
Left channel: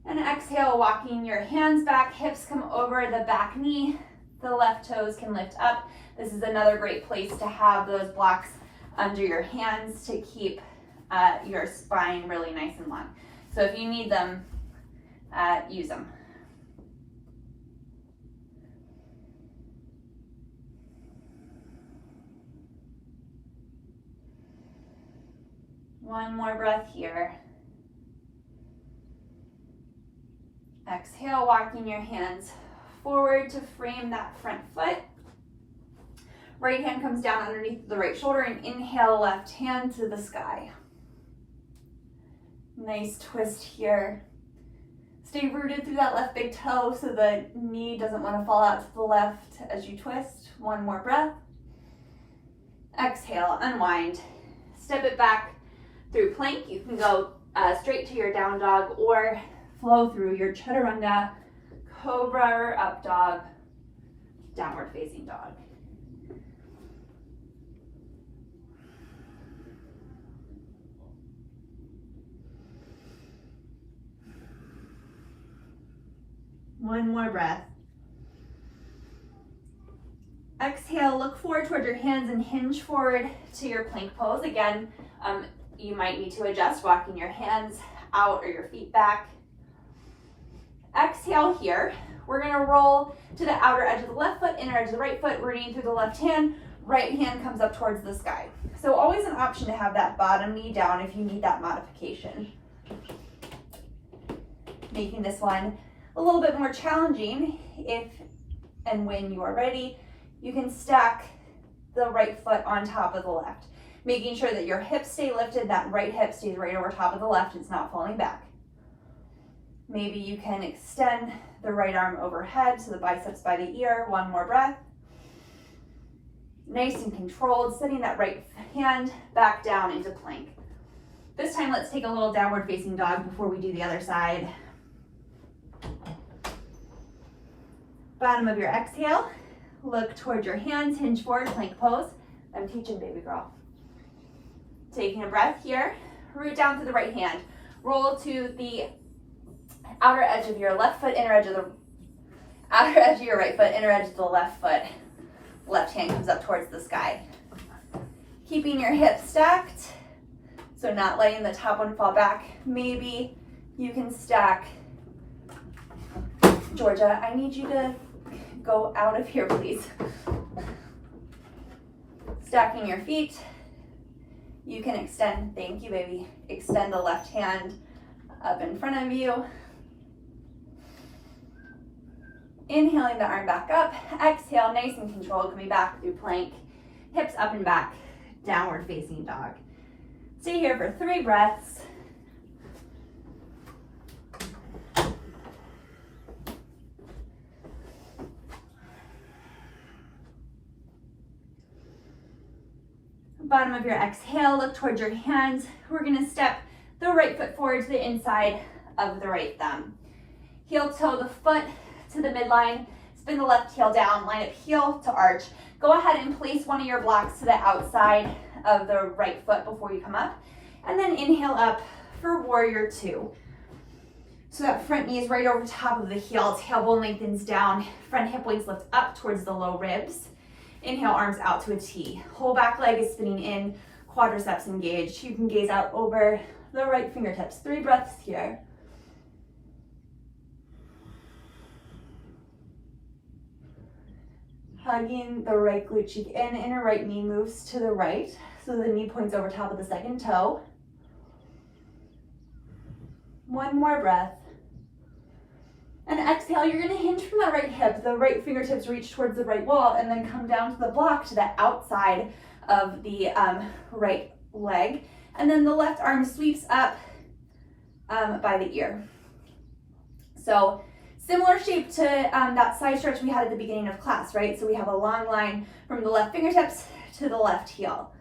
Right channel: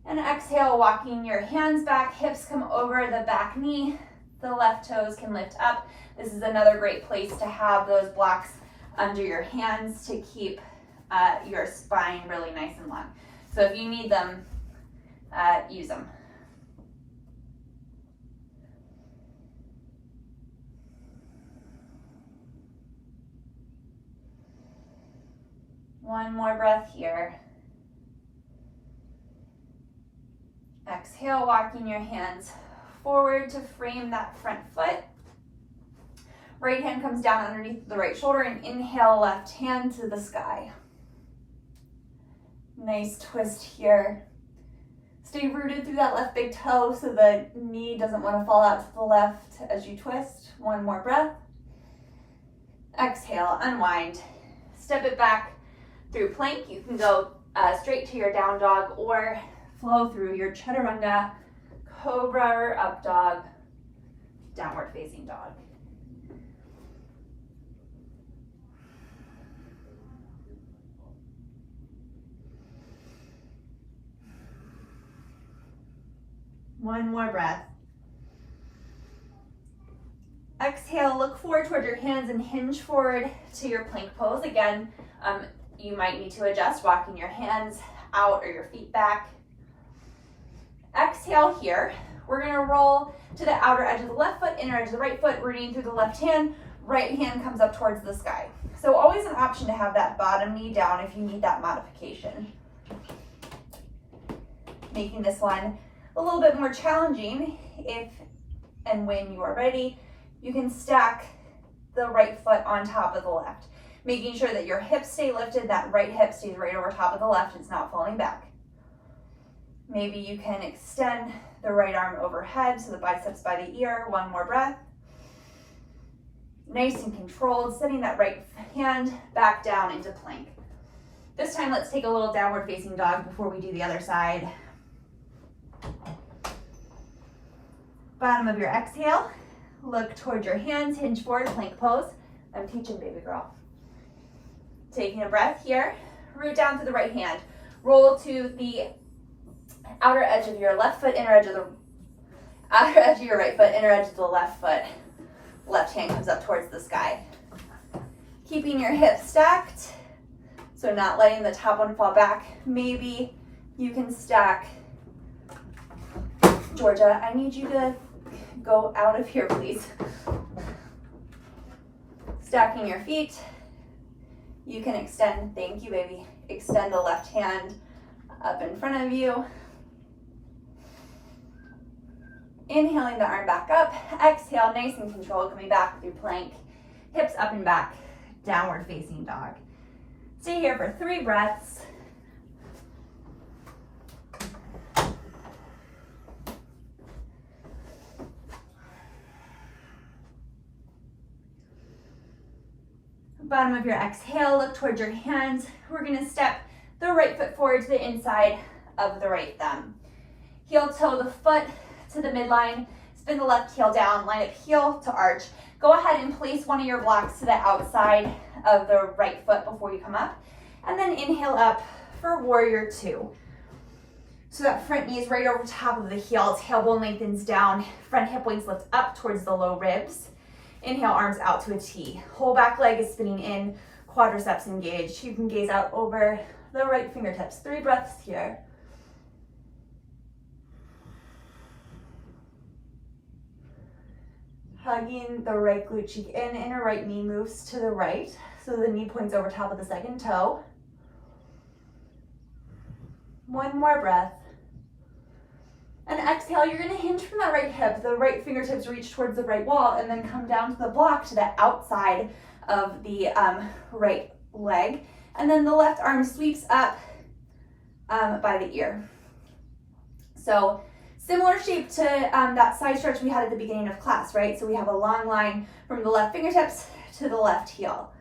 And exhale, walking your hands back, hips come over the back knee, the left toes can lift up. This is another great place to have those blocks under your hands to keep your spine really nice and long. So if you need them, use them. One more breath here. Exhale, walking your hands forward to frame that front foot. Right hand comes down underneath the right shoulder and inhale, left hand to the sky. Nice twist here. Stay rooted through that left big toe so the knee doesn't want to fall out to the left as you twist. One more breath. Exhale, unwind. Step it back through plank. You can go straight to your down dog or flow through your chaturanga, cobra or up dog, downward facing dog. One more breath. Exhale, look forward toward your hands and hinge forward to your plank pose. Again, you might need to adjust, walking your hands out or your feet back. Exhale here. We're gonna roll to the outer edge of the left foot, inner edge of the right foot, rooting through the left hand. Right hand comes up towards the sky. So always an option to have that bottom knee down if you need that modification. Making this one a little bit more challenging. If and when you are ready, you can stack the right foot on top of the left, making sure that your hips stay lifted, that right hip stays right over top of the left, it's not falling back. Maybe you can extend the right arm overhead so the biceps by the ear. One more breath. Nice and controlled, setting that right hand back down into plank. This time, let's take a little downward facing dog before we do the other side. Bottom of your exhale, look towards your hands, hinge forward, plank pose. I'm teaching, baby girl. Taking a breath here, root down to the right hand. Roll to the outer edge of your left foot, inner edge of the outer edge of your right foot, inner edge of the left foot. Left hand comes up towards the sky. Keeping your hips stacked, so not letting the top one fall back. Maybe you can stack. Georgia, I need you to go out of here, please. Stacking your feet. You can extend, thank you, baby. Extend the left hand up in front of you. Inhaling the arm back up. Exhale, nice and controlled, coming back through plank. Hips up and back, downward facing dog. Stay here for 3 breaths. Bottom of your exhale, look towards your hands. We're gonna step the right foot forward to the inside of the right thumb. Heel toe the foot to the midline, spin the left heel down, line up heel to arch. Go ahead and place one of your blocks to the outside of the right foot before you come up. And then inhale up for warrior 2. So that front knee is right over top of the heel, tailbone lengthens down, front hip points lift up towards the low ribs. Inhale, arms out to a T. Whole back leg is spinning in, quadriceps engaged. You can gaze out over the right fingertips. 3 breaths here. Hugging the right glute cheek in, inner right knee moves to the right, so the knee points over top of the second toe. One more breath. And exhale, you're gonna hinge from that right hip. The right fingertips reach towards the right wall and then come down to the block to the outside of the right leg. And then the left arm sweeps up by the ear. So similar shape to that side stretch we had at the beginning of class, right? So we have a long line from the left fingertips to the left heel.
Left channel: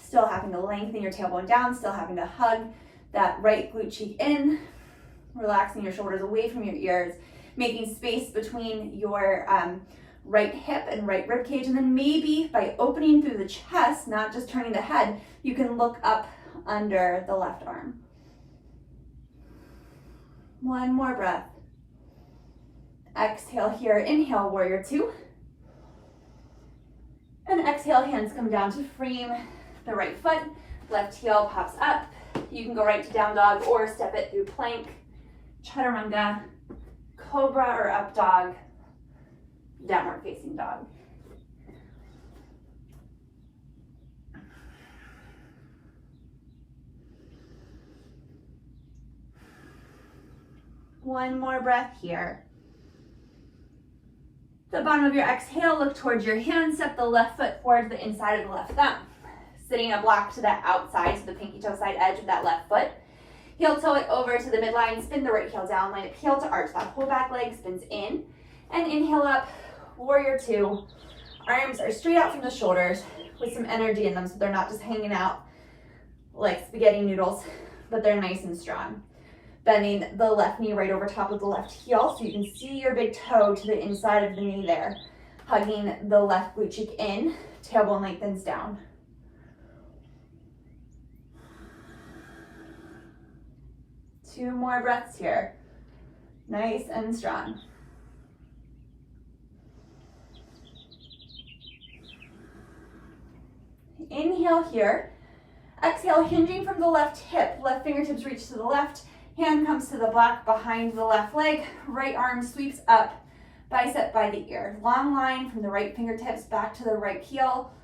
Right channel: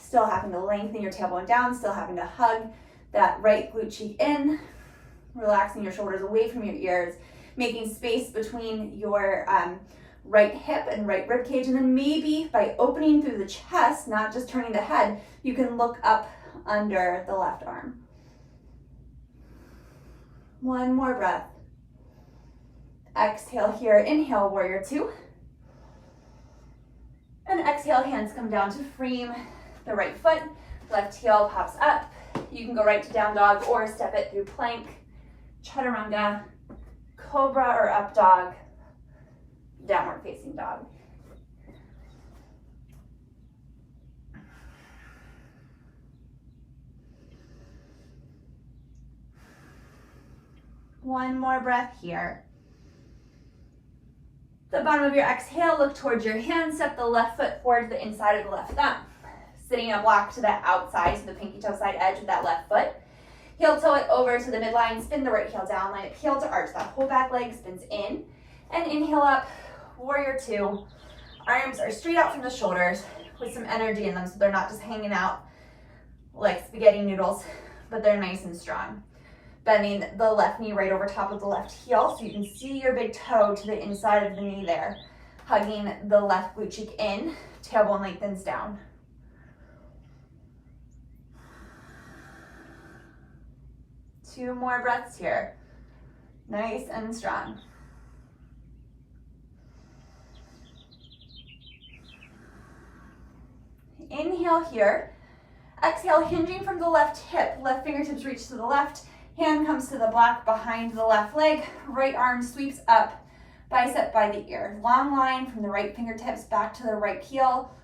Still having to lengthen your tailbone down, still having to hug that right glute cheek in, relaxing your shoulders away from your ears, making space between your right hip and right rib cage. And then maybe by opening through the chest, not just turning the head, you can look up under the left arm. One more breath. Exhale here, inhale, warrior two. And exhale, hands come down to frame the right foot. Left heel pops up. You can go right to down dog or step it through plank, chaturanga, cobra or up dog, downward facing dog. One more breath here. The bottom of your exhale, look towards your hands, step the left foot forward to the inside of the left thumb. Sitting up block to the outside, to the pinky toe side edge of that left foot. Heel toe it over to the midline, spin the right heel down, line it heel to arch. That whole back leg spins in. And inhale up, warrior two. Arms are straight out from the shoulders with some energy in them, so they're not just hanging out like spaghetti noodles, but they're nice and strong. Bending the left knee right over top of the left heel so you can see your big toe to the inside of the knee there. Hugging the left glute cheek in, tailbone lengthens down. Two more breaths here. Nice and strong. Inhale here. Exhale, hinging from the left hip. Left fingertips reach to the left. Hand comes to the block behind the left leg. Right arm sweeps up, bicep by the ear. Long line from the right fingertips back to the right heel.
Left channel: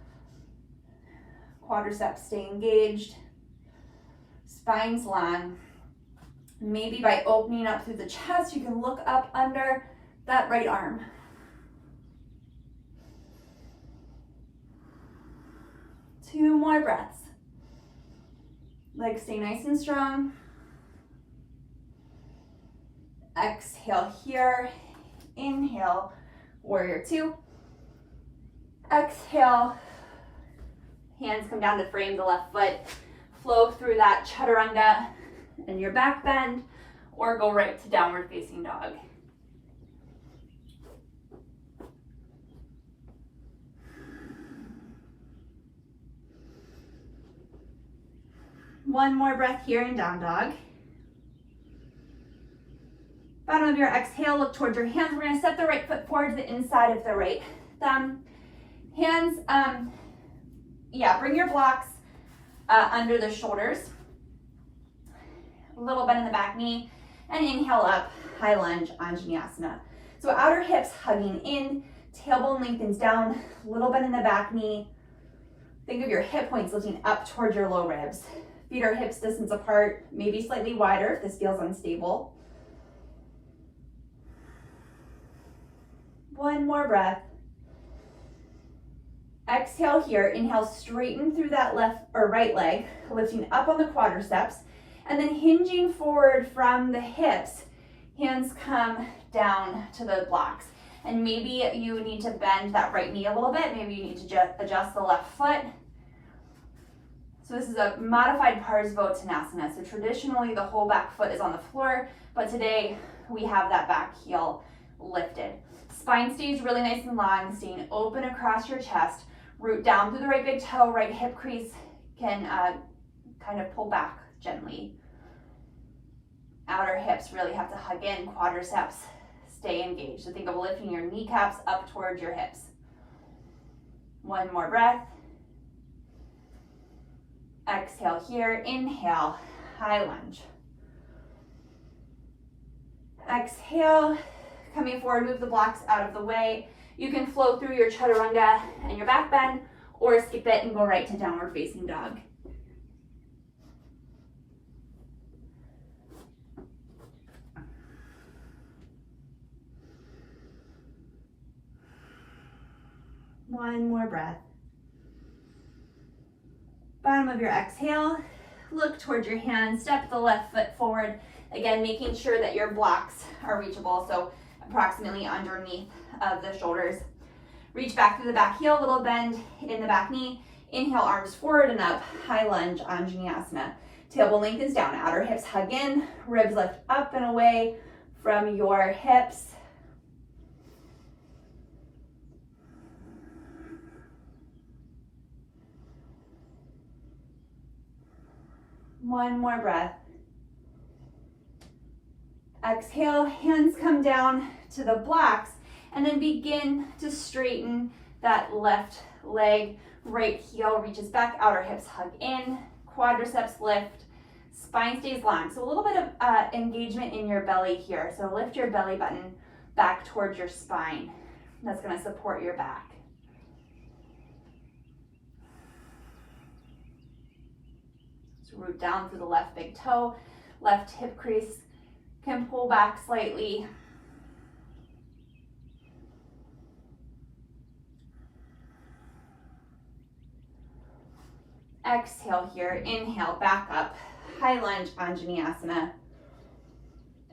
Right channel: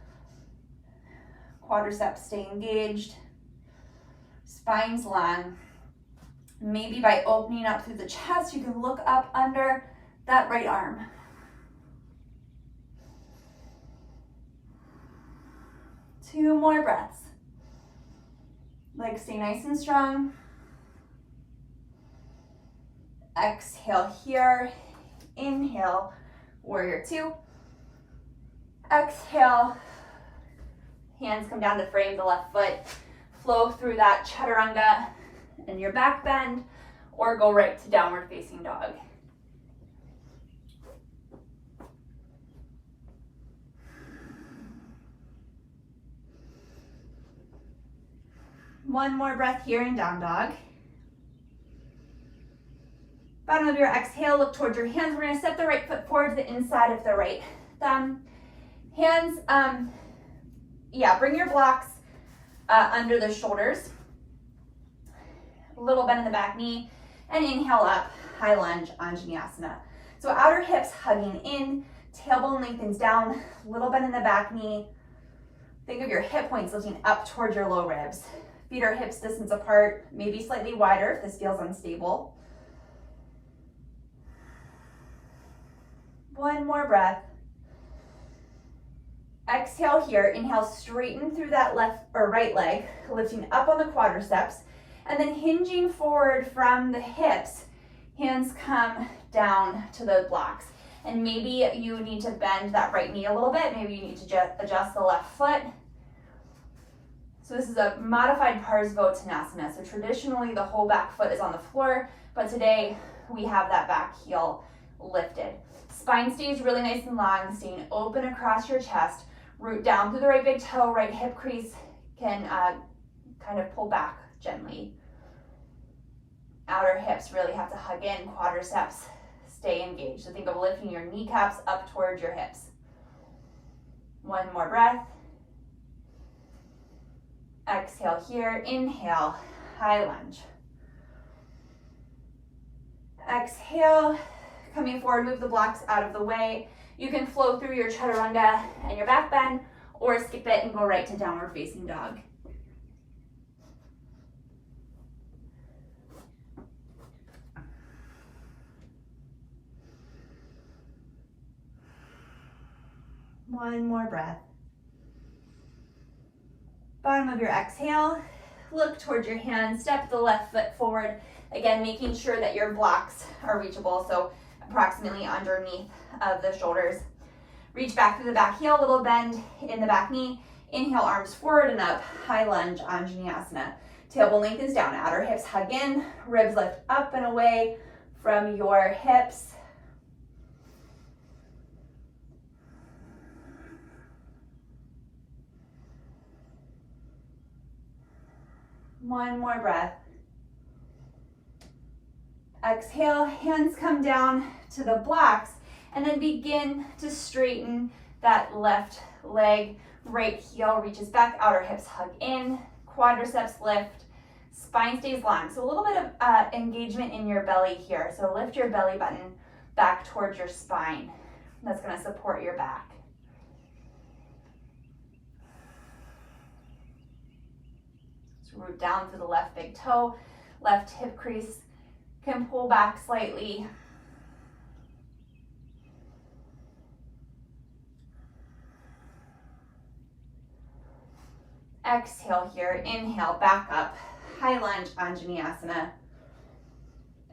Quadriceps stay engaged. Spine's long. Maybe by opening up through the chest, you can look up under that right arm. Two more breaths. Legs stay nice and strong. Exhale here. Inhale, warrior two. Exhale. Hands come down to frame the left foot. Flow through that chaturanga in your back bend, or go right to downward facing dog. One more breath here in down dog. Bottom of your exhale, look towards your hands. We're gonna step the right foot forward to the inside of the right thumb. Hands, bring your blocks under the shoulders. A little bend in the back knee, and inhale up, high lunge, Anjaneyasana. So outer hips hugging in, tailbone lengthens down, little bend in the back knee. Think of your hip points lifting up towards your low ribs. Feet are hips distance apart, maybe slightly wider if this feels unstable. One more breath. Exhale here, inhale, straighten through that left or right leg, lifting up on the quadriceps, and then hinging forward from the hips, hands come down to the blocks. And maybe you need to bend that right knee a little bit, maybe you need to just adjust the left foot. So this is a modified Tanasana. So traditionally the whole back foot is on the floor, but today we have that back heel lifted. Spine stays really nice and long, staying open across your chest. Root down through the right big toe, right hip crease can kind of pull back gently. Outer hips really have to hug in, quadriceps stay engaged. So think of lifting your kneecaps up towards your hips. One more breath. Exhale here, inhale, high lunge. Exhale, coming forward, move the blocks out of the way. You can flow through your chaturanga and your back bend, or skip it and go right to downward facing dog. One more breath. Bottom of your exhale, look towards your hands, step the left foot forward. Again, making sure that your blocks are reachable, so approximately underneath of the shoulders. Reach back through the back heel, little bend in the back knee. Inhale, arms forward and up, high lunge, Anjaneyasana. Tailbone lengthens down, outer hips hug in, ribs lift up and away from your hips. One more breath. Exhale, hands come down to the blocks, and then begin to straighten that left leg. Right heel reaches back, outer hips hug in, quadriceps lift, spine stays long. So a little bit of engagement in your belly here. So lift your belly button back towards your spine. That's going to support your back. So root down through the left big toe, left hip crease can pull back slightly. Exhale here, inhale, back up, high lunge, Anjaneyasana.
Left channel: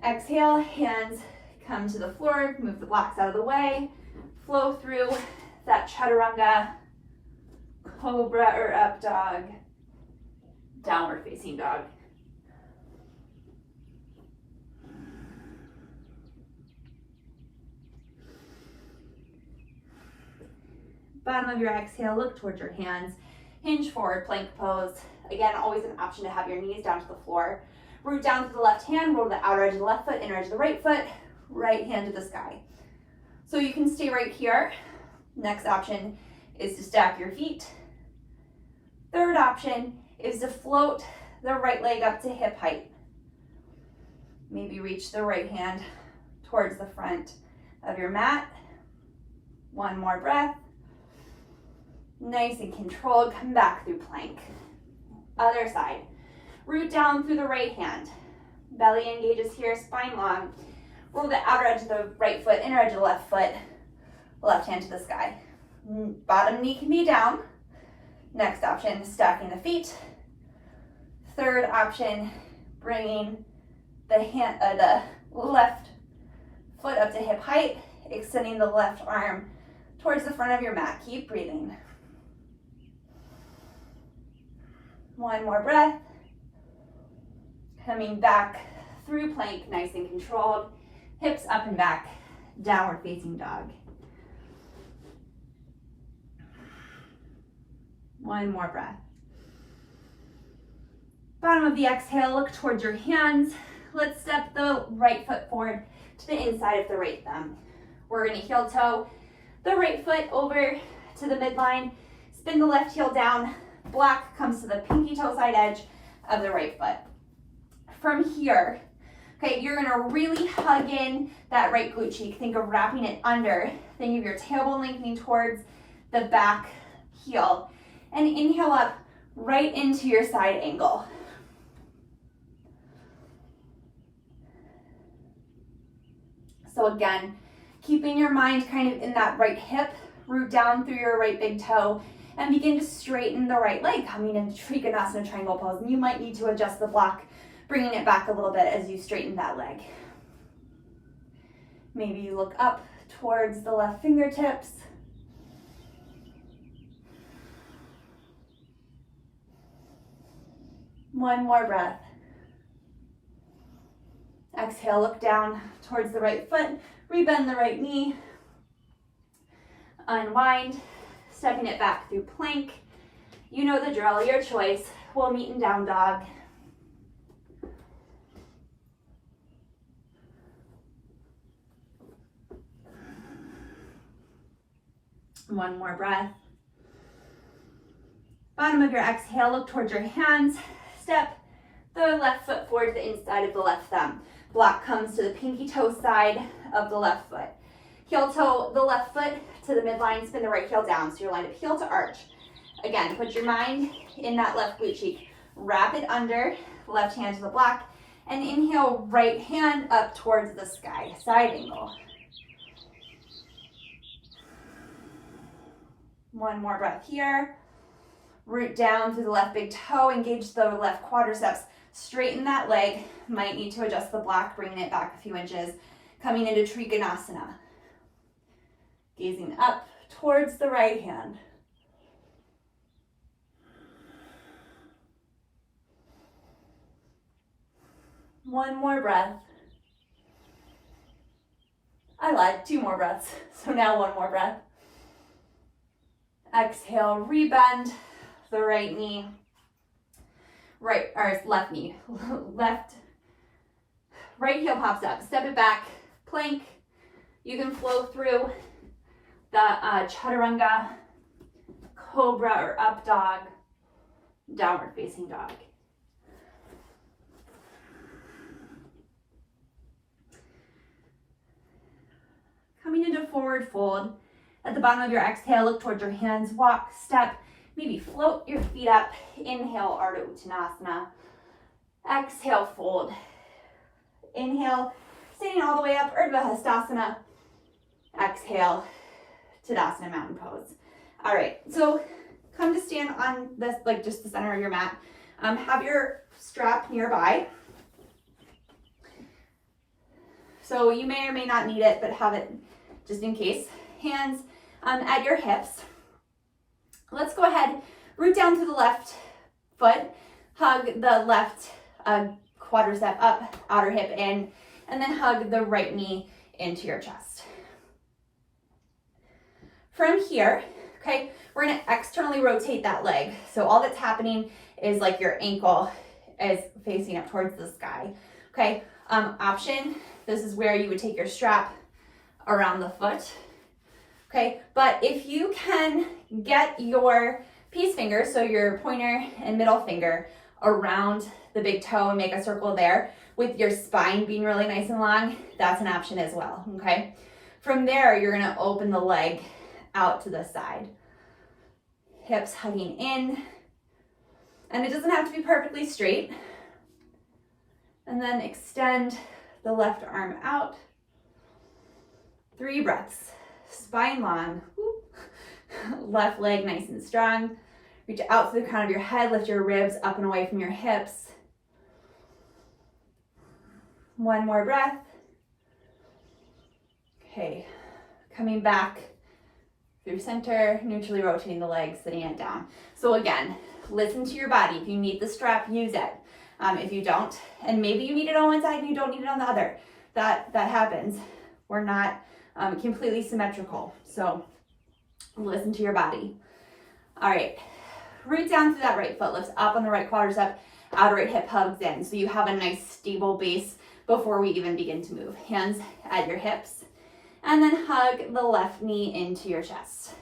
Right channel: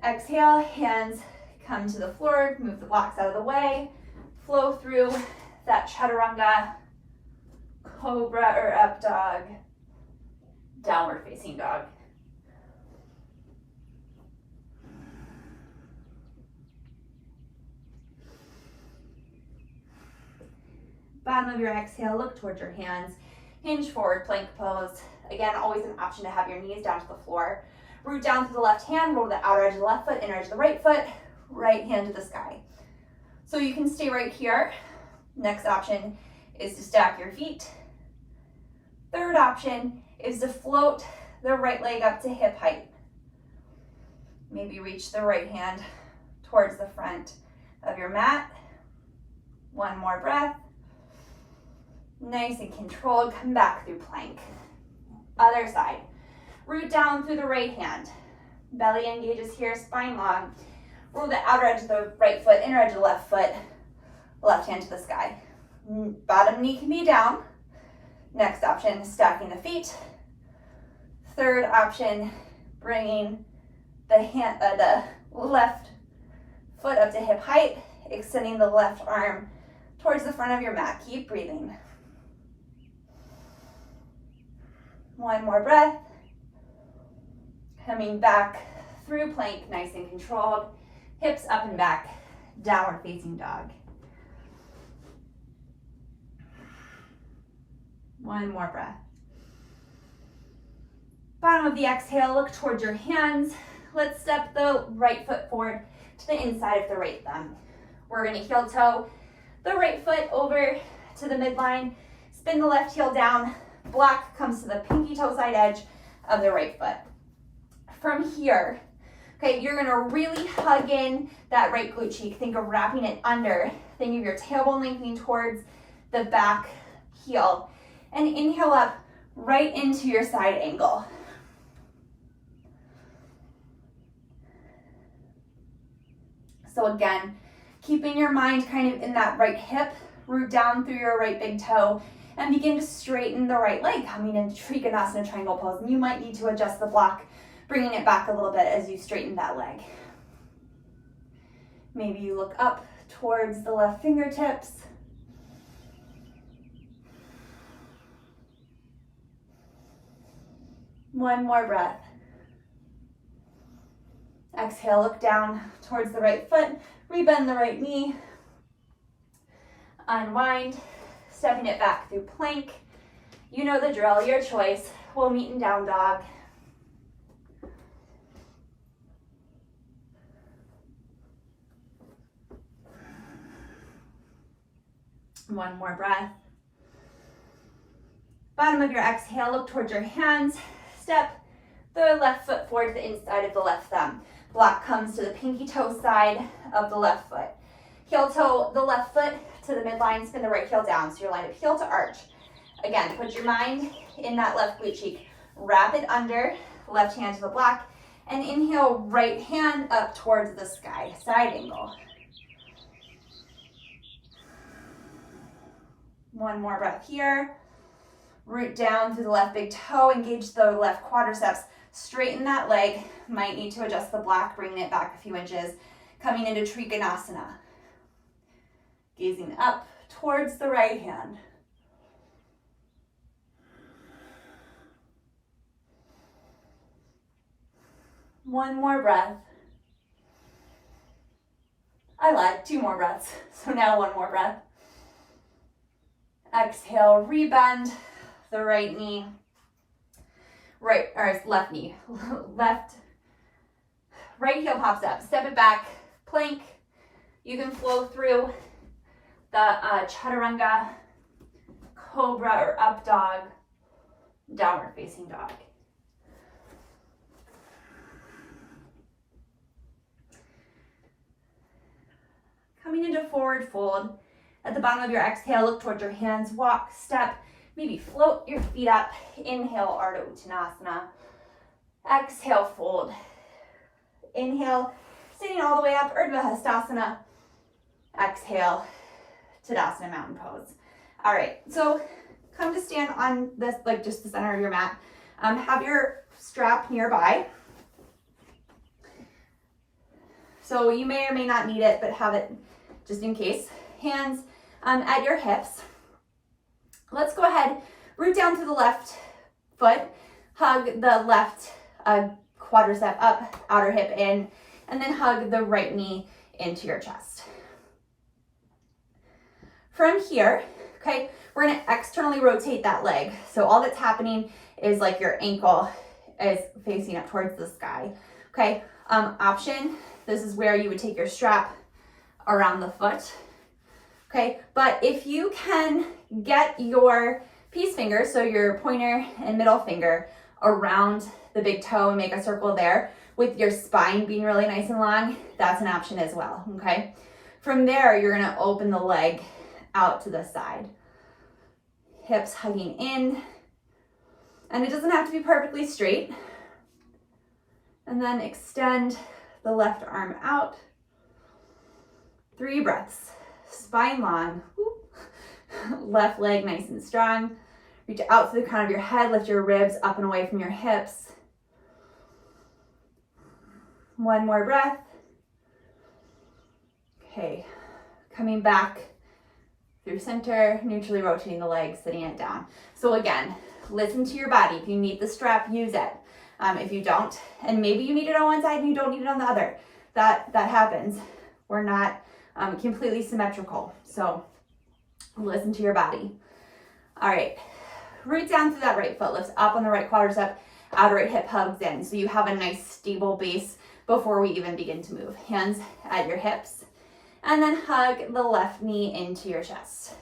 Exhale, hands come to the floor, move the blocks out of the way, flow through that chaturanga, cobra or up dog, downward facing dog. Bottom of your exhale, look towards your hands. Hinge forward, plank pose. Again, always an option to have your knees down to the floor. Root down to the left hand, roll to the outer edge of the left foot, inner edge of the right foot, right hand to the sky. So you can stay right here. Next option is to stack your feet. Third option is to float the right leg up to hip height. Maybe reach the right hand towards the front of your mat. One more breath. Nice and controlled, come back through plank. Other side, root down through the right hand. Belly engages here, spine long. Roll the outer edge of the right foot, inner edge of the left foot, left hand to the sky. Bottom knee can be down. Next option, stacking the feet. Third option, bringing the left foot up to hip height, extending the left arm towards the front of your mat. Keep breathing. One more breath. Coming back through plank, nice and controlled. Hips up and back, downward facing dog. One more breath. Bottom of the exhale, look towards your hands. Let's step the right foot forward to the inside of the right thumb. We're gonna heel toe the right foot over to the midline, spin the left heel down, block comes to the pinky toe side edge of the right foot. From here, okay, you're gonna really hug in that right glute cheek. Think of wrapping it under. Think of your tailbone lengthening towards the back heel. And inhale up right into your side angle. So again, keeping your mind kind of in that right hip, root down through your right big toe, and begin to straighten the right leg, coming into Trikonasana triangle pose. And you might need to adjust the block, bringing it back a little bit as you straighten that leg. Maybe you look up towards the left fingertips. One more breath. Exhale, look down towards the right foot, rebend the right knee, unwind, stepping it back through plank. You know the drill, your choice. We'll meet in down dog. One more breath. Bottom of your exhale, look towards your hands. Step the left foot forward to the inside of the left thumb. Block comes to the pinky toe side of the left foot. Heel toe the left foot to the midline, spin the right heel down. So you're lined up heel to arch. Again, put your mind in that left glute cheek. Wrap it under, left hand to the block, and inhale, right hand up towards the sky, side angle. One more breath here. Root down through the left big toe, engage the left quadriceps, straighten that leg. Might need to adjust the block, bringing it back a few inches. Coming into Trikonasana. Gazing up towards the right hand. One more breath. I lied, 2 more breaths. So now 1 more breath. Exhale, rebend the right knee, left knee, left right heel pops up, step it back, plank. You can flow through the chaturanga, cobra or up dog, downward facing dog. Coming into forward fold. At the bottom of your exhale, look towards your hands, walk, step, maybe float your feet up. Inhale, Ardha Uttanasana. Exhale, fold. Inhale, sitting all the way up, Urdhva Hastasana. Exhale, Tadasana, mountain pose. All right, so come to stand on this, like just the center of your mat. Have your strap nearby. So you may or may not need it, but have it just in case. Hands at your hips. Let's go ahead, root down to the left foot, hug the left quadricep up, outer hip in, and then hug the right knee into your chest. From here, okay, we're gonna externally rotate that leg. So all that's happening is like your ankle is facing up towards the sky, okay? Option, this is where you would take your strap around the foot, okay? But if you can get your peace finger, so your pointer and middle finger around the big toe and make a circle there with your spine being really nice and long, that's an option as well, okay? From there, you're gonna open the leg out to the side. Hips hugging in, and it doesn't have to be perfectly straight. And then extend the left arm out. 3 breaths, spine long. Left leg nice and strong. Reach out to the crown of your head, lift your ribs up and away from your hips. 1 more breath. Okay, coming back through center, neutrally rotating the leg, sitting it down. So again, listen to your body. If you need the strap, use it. If you don't, and maybe you need it on one side and you don't need it on the other, that happens. We're not completely symmetrical, so listen to your body. All right, root down through that right foot, lifts up on the right quadricep, outer right hip hugs in, so you have a nice stable base before we even begin to move. Hands at your hips, and then hug the left knee into your chest.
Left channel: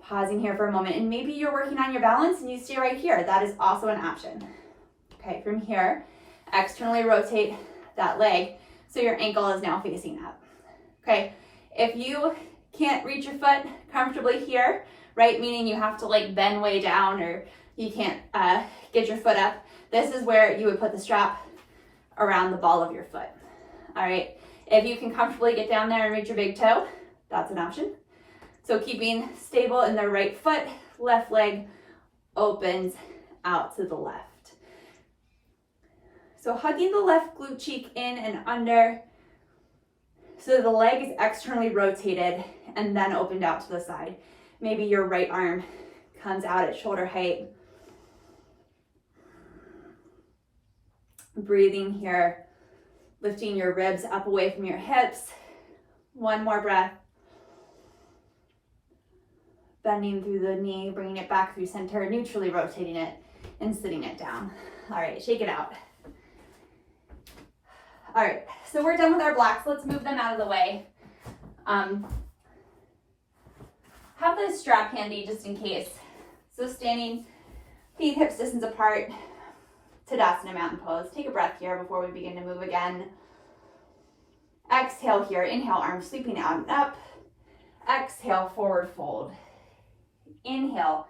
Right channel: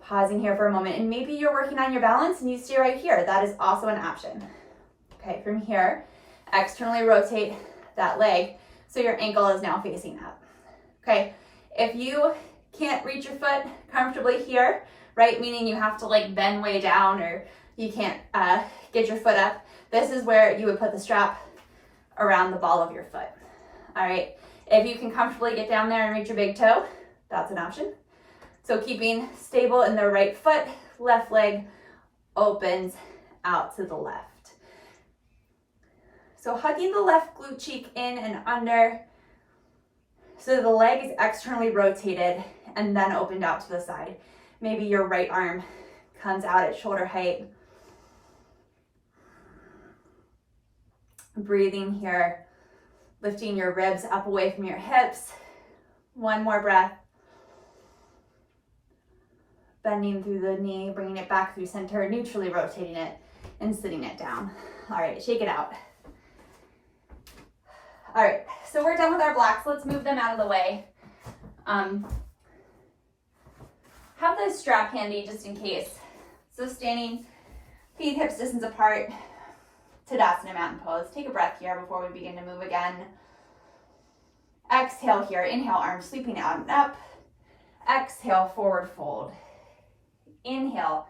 Pausing here for a moment, and maybe you're working on your balance and you stay right here. That is also an option. Okay, from here, externally rotate that leg so your ankle is now facing up. Okay, if you can't reach your foot comfortably here, right, meaning you have to like bend way down or you can't get your foot up, this is where you would put the strap around the ball of your foot. All right, if you can comfortably get down there and reach your big toe, that's an option. So keeping stable in the right foot, left leg opens out to the left. So hugging the left glute cheek in and under, so the leg is externally rotated and then opened out to the side. Maybe your right arm comes out at shoulder height. Breathing here, lifting your ribs up away from your hips. 1 more breath. Bending through the knee, bringing it back through center, neutrally rotating it and sitting it down. All right, shake it out. All right, so we're done with our blocks. Let's move them out of the way. Have the strap handy just in case. So standing, feet hips distance apart, Tadasana, mountain pose. Take a breath here before we begin to move again. Exhale here, inhale, arms sweeping out and up. Exhale, forward fold. Inhale,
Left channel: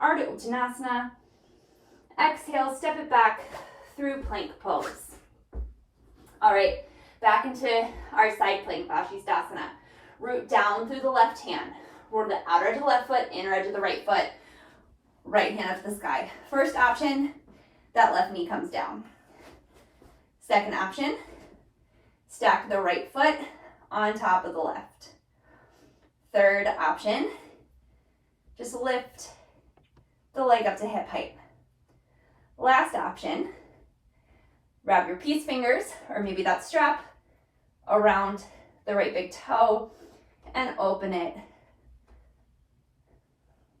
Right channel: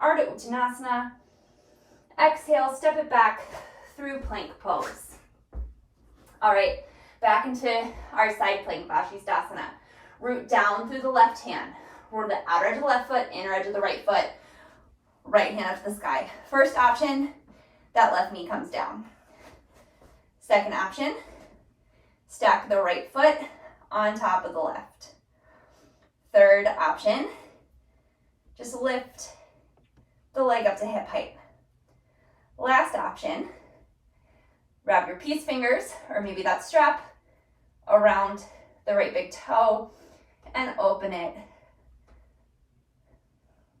Ardha Uttanasana. Exhale, step it back through plank pose. All right, back into our side plank, Vashisthasana. Root down through the left hand. Roll the outer edge of the left foot, inner edge of the right foot. Right hand up to the sky. First option, that left knee comes down. Second option, stack the right foot on top of the left. Third option, just lift the leg up to hip height. Last option, wrap your peace fingers, or maybe that strap, around the right big toe and open it.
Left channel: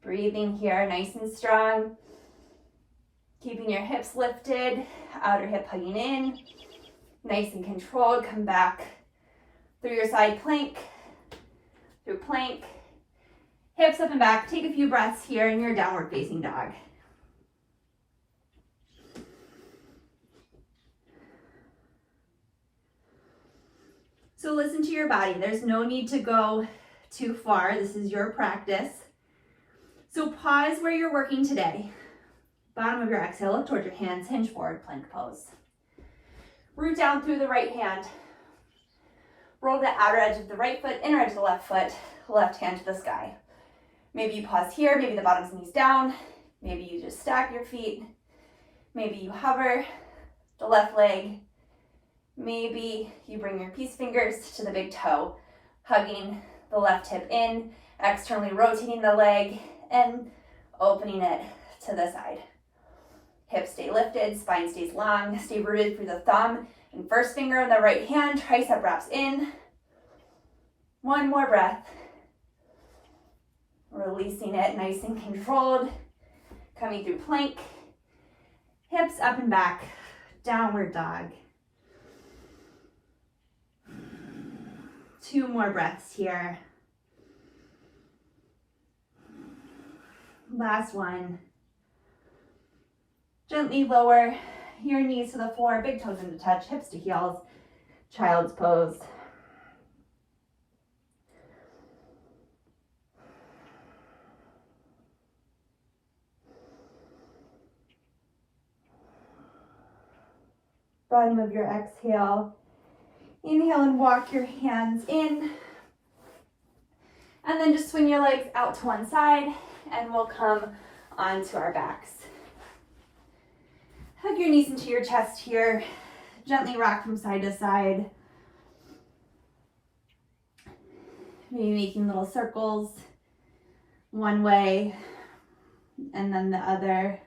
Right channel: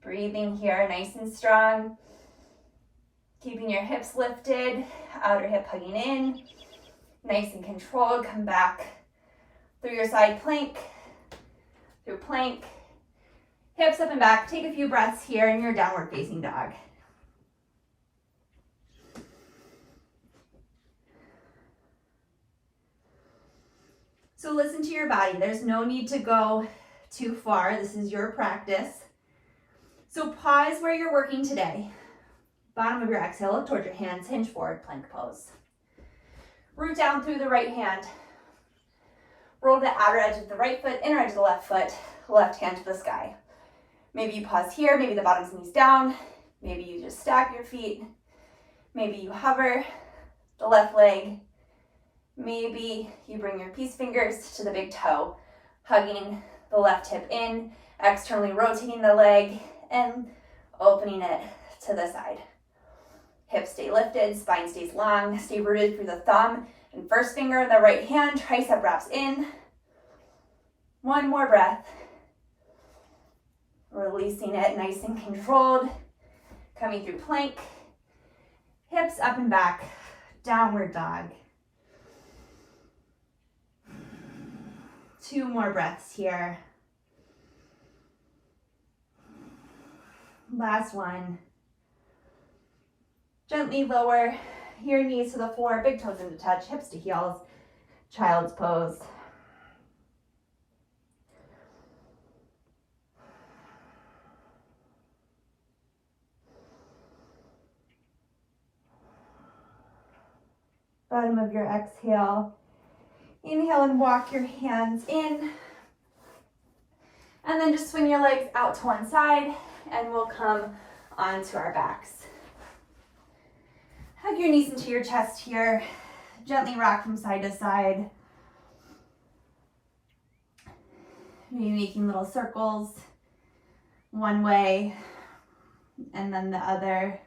Breathing here, nice and strong. Keeping your hips lifted, outer hip hugging in. Nice and controlled. Come back through your side plank, through plank, hips up and back. Take a few breaths here in your downward facing dog. So listen to your body. There's no need to go too far. This is your practice. So pause where you're working today. Bottom of your exhale, look towards your hands, hinge forward, plank pose. Root down through the right hand. Roll the outer edge of the right foot, inner edge of the left foot, left hand to the sky. Maybe you pause here, maybe the bottom's knees down, maybe you just stack your feet, maybe you hover the left leg, maybe you bring your peace fingers to the big toe, hugging the left hip in, externally rotating the leg, and opening it to the side. Hips stay lifted, spine stays long, stay rooted through the thumb and first finger in the right hand, tricep wraps in. One more breath. Releasing it nice and controlled. Coming through plank. Hips up and back. Downward dog. 2 more breaths here. Last one. Gently lower your knees to the floor, big toes into touch, hips to heels, child's pose. Bottom of your exhale. Inhale and walk your hands in. And then just swing your legs out to one side and we'll come onto our backs. Hug your knees into your chest here. Gently rock from side to side. Maybe making little circles one way and then the other.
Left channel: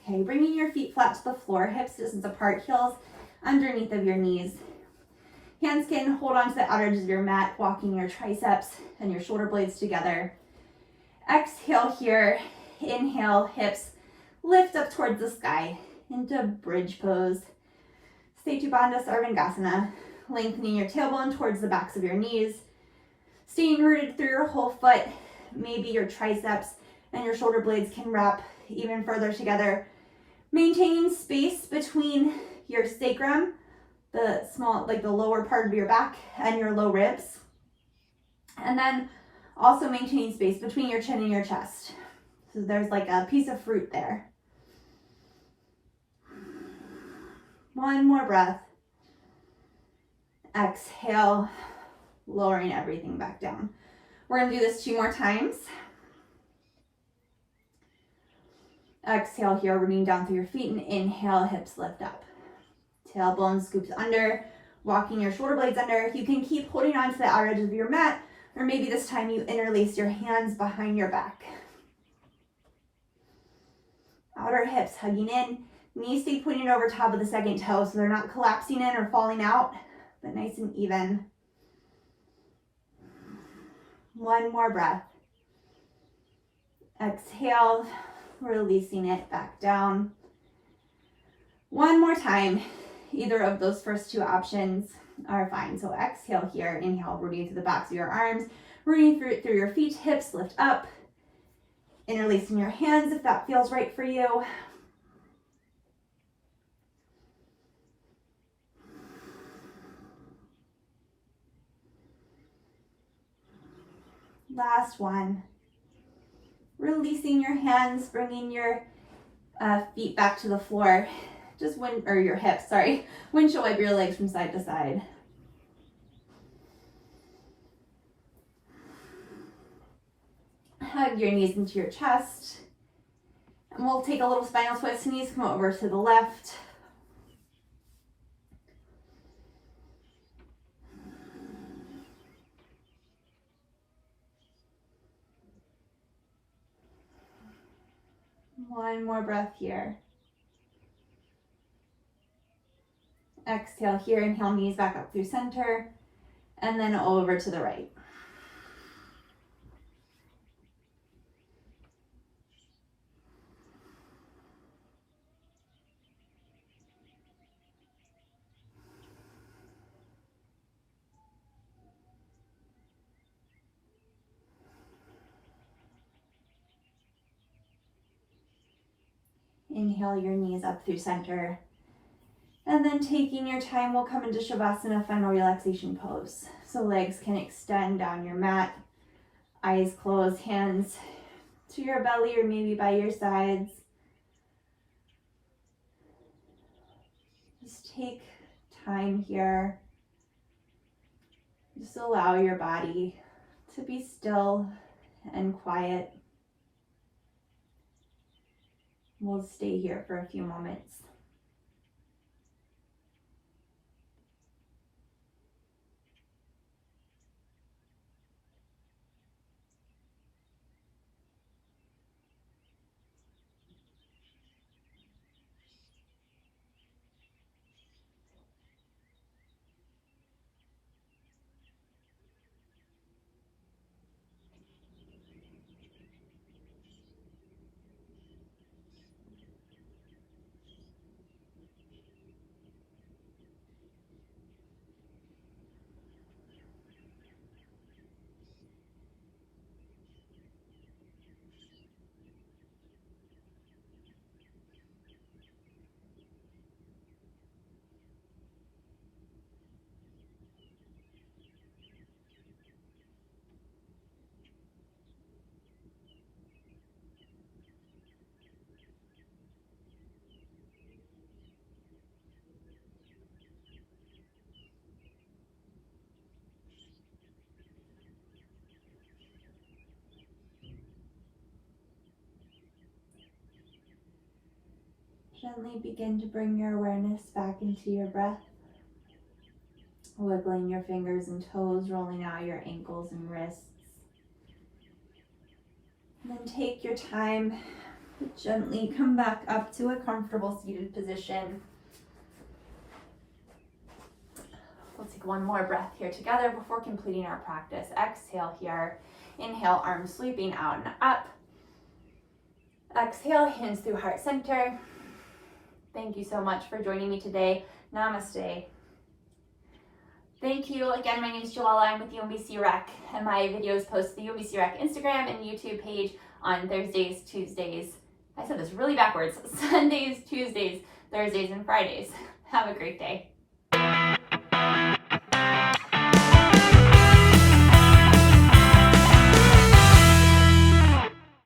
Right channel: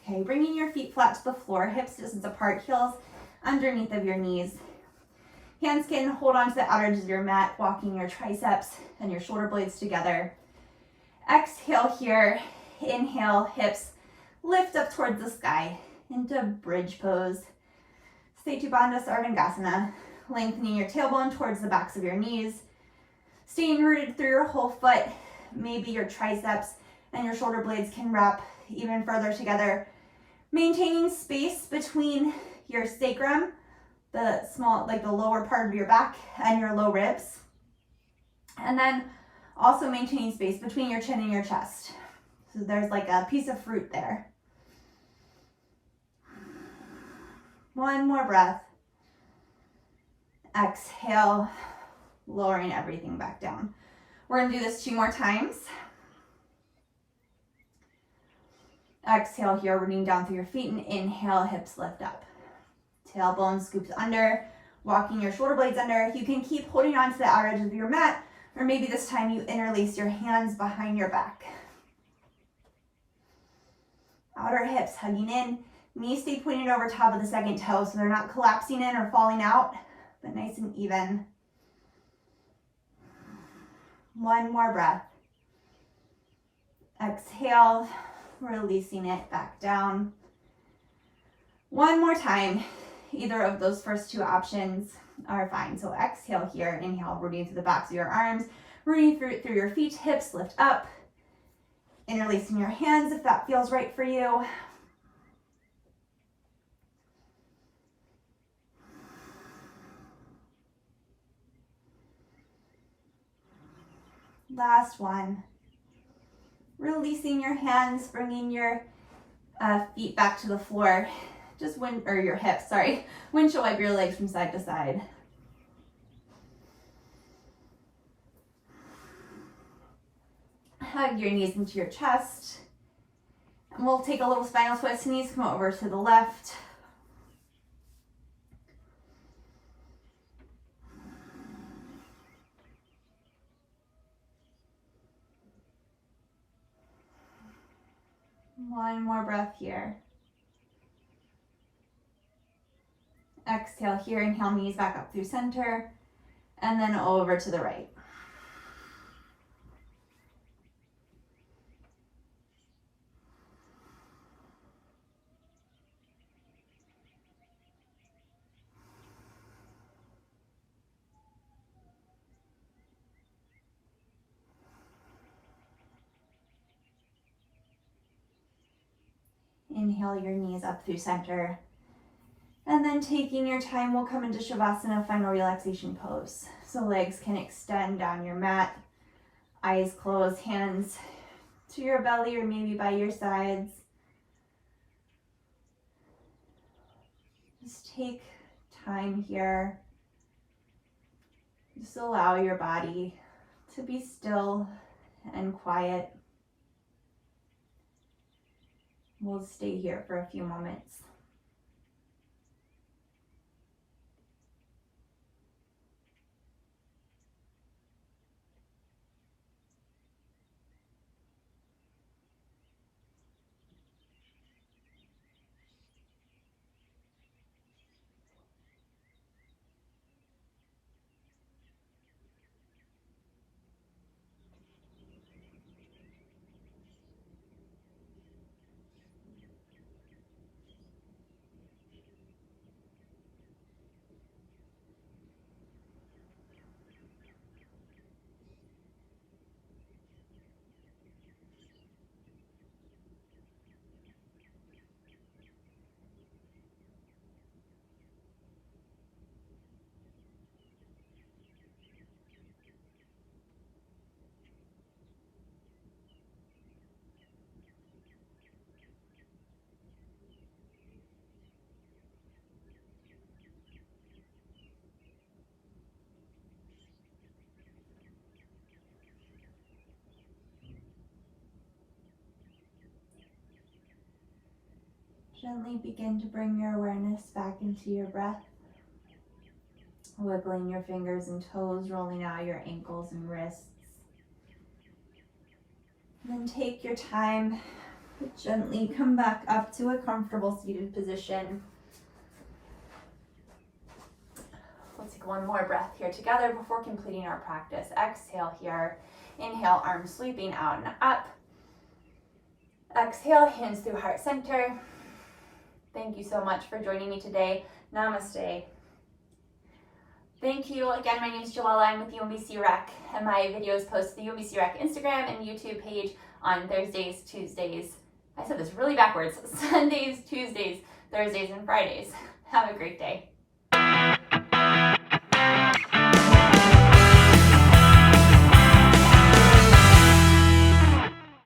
Okay, bringing your feet flat to the floor, hips distance apart, heels underneath of your knees. Hands can hold onto the outer edges of your mat, walking your triceps and your shoulder blades together. Exhale here. Inhale, hips lift up towards the sky into bridge pose. Setu Bandha Sarvangasana, lengthening your tailbone towards the backs of your knees. Staying rooted through your whole foot. Maybe your triceps and your shoulder blades can wrap even further together. Maintaining space between your sacrum, the small, like the lower part of your back, and your low ribs. And then also maintaining space between your chin and your chest. So there's like a piece of fruit there. One more breath. Exhale, lowering everything back down. We're gonna do this 2 more times. Exhale here, rooting down through your feet, and inhale, hips lift up. Tailbone scoops under, walking your shoulder blades under. You can keep holding on to the outer edges of your mat, or maybe this time you interlace your hands behind your back. Outer hips hugging in, knees stay pointed over top of the second toe so they're not collapsing in or falling out, but nice and even. One more breath. Exhale, releasing it back down. One more time. Either of those first 2 options are fine. So exhale here, inhale, rooting through the backs of your arms, rooting through your feet, hips lift up. Interlacing your hands if that feels right for you. Last one. Releasing your hands, bringing your feet back to the floor. Just your hips, sorry. Windshield wipe your legs from side to side. Hug your knees into your chest. And we'll take a little spinal twist. Knees come over to the left. One more breath here. Exhale here, inhale, knees back up through center, and then over to the right. Inhale your knees up through center. And then taking your time, we'll come into Shavasana, final relaxation pose. So legs can extend down your mat, eyes closed, hands to your belly or maybe by your sides. Just take time here. Just allow your body to be still and quiet. We'll stay here for a few moments. Gently begin to bring your awareness back into your breath. Wiggling your fingers and toes, rolling out your ankles and wrists. And then take your time to gently come back up to a comfortable seated position. Let's take one more breath here together before completing our practice. Exhale here. Inhale, arms sweeping out and up. Exhale, hands through heart center. Thank you so much for joining me today. Namaste. Thank you. Again, my name is Joella. I'm with UMBC Rec, and my videos post to the UMBC Rec Instagram and YouTube page on Thursdays, Tuesdays. I said this really backwards. Sundays, Tuesdays, Thursdays, and Fridays. Have a great day.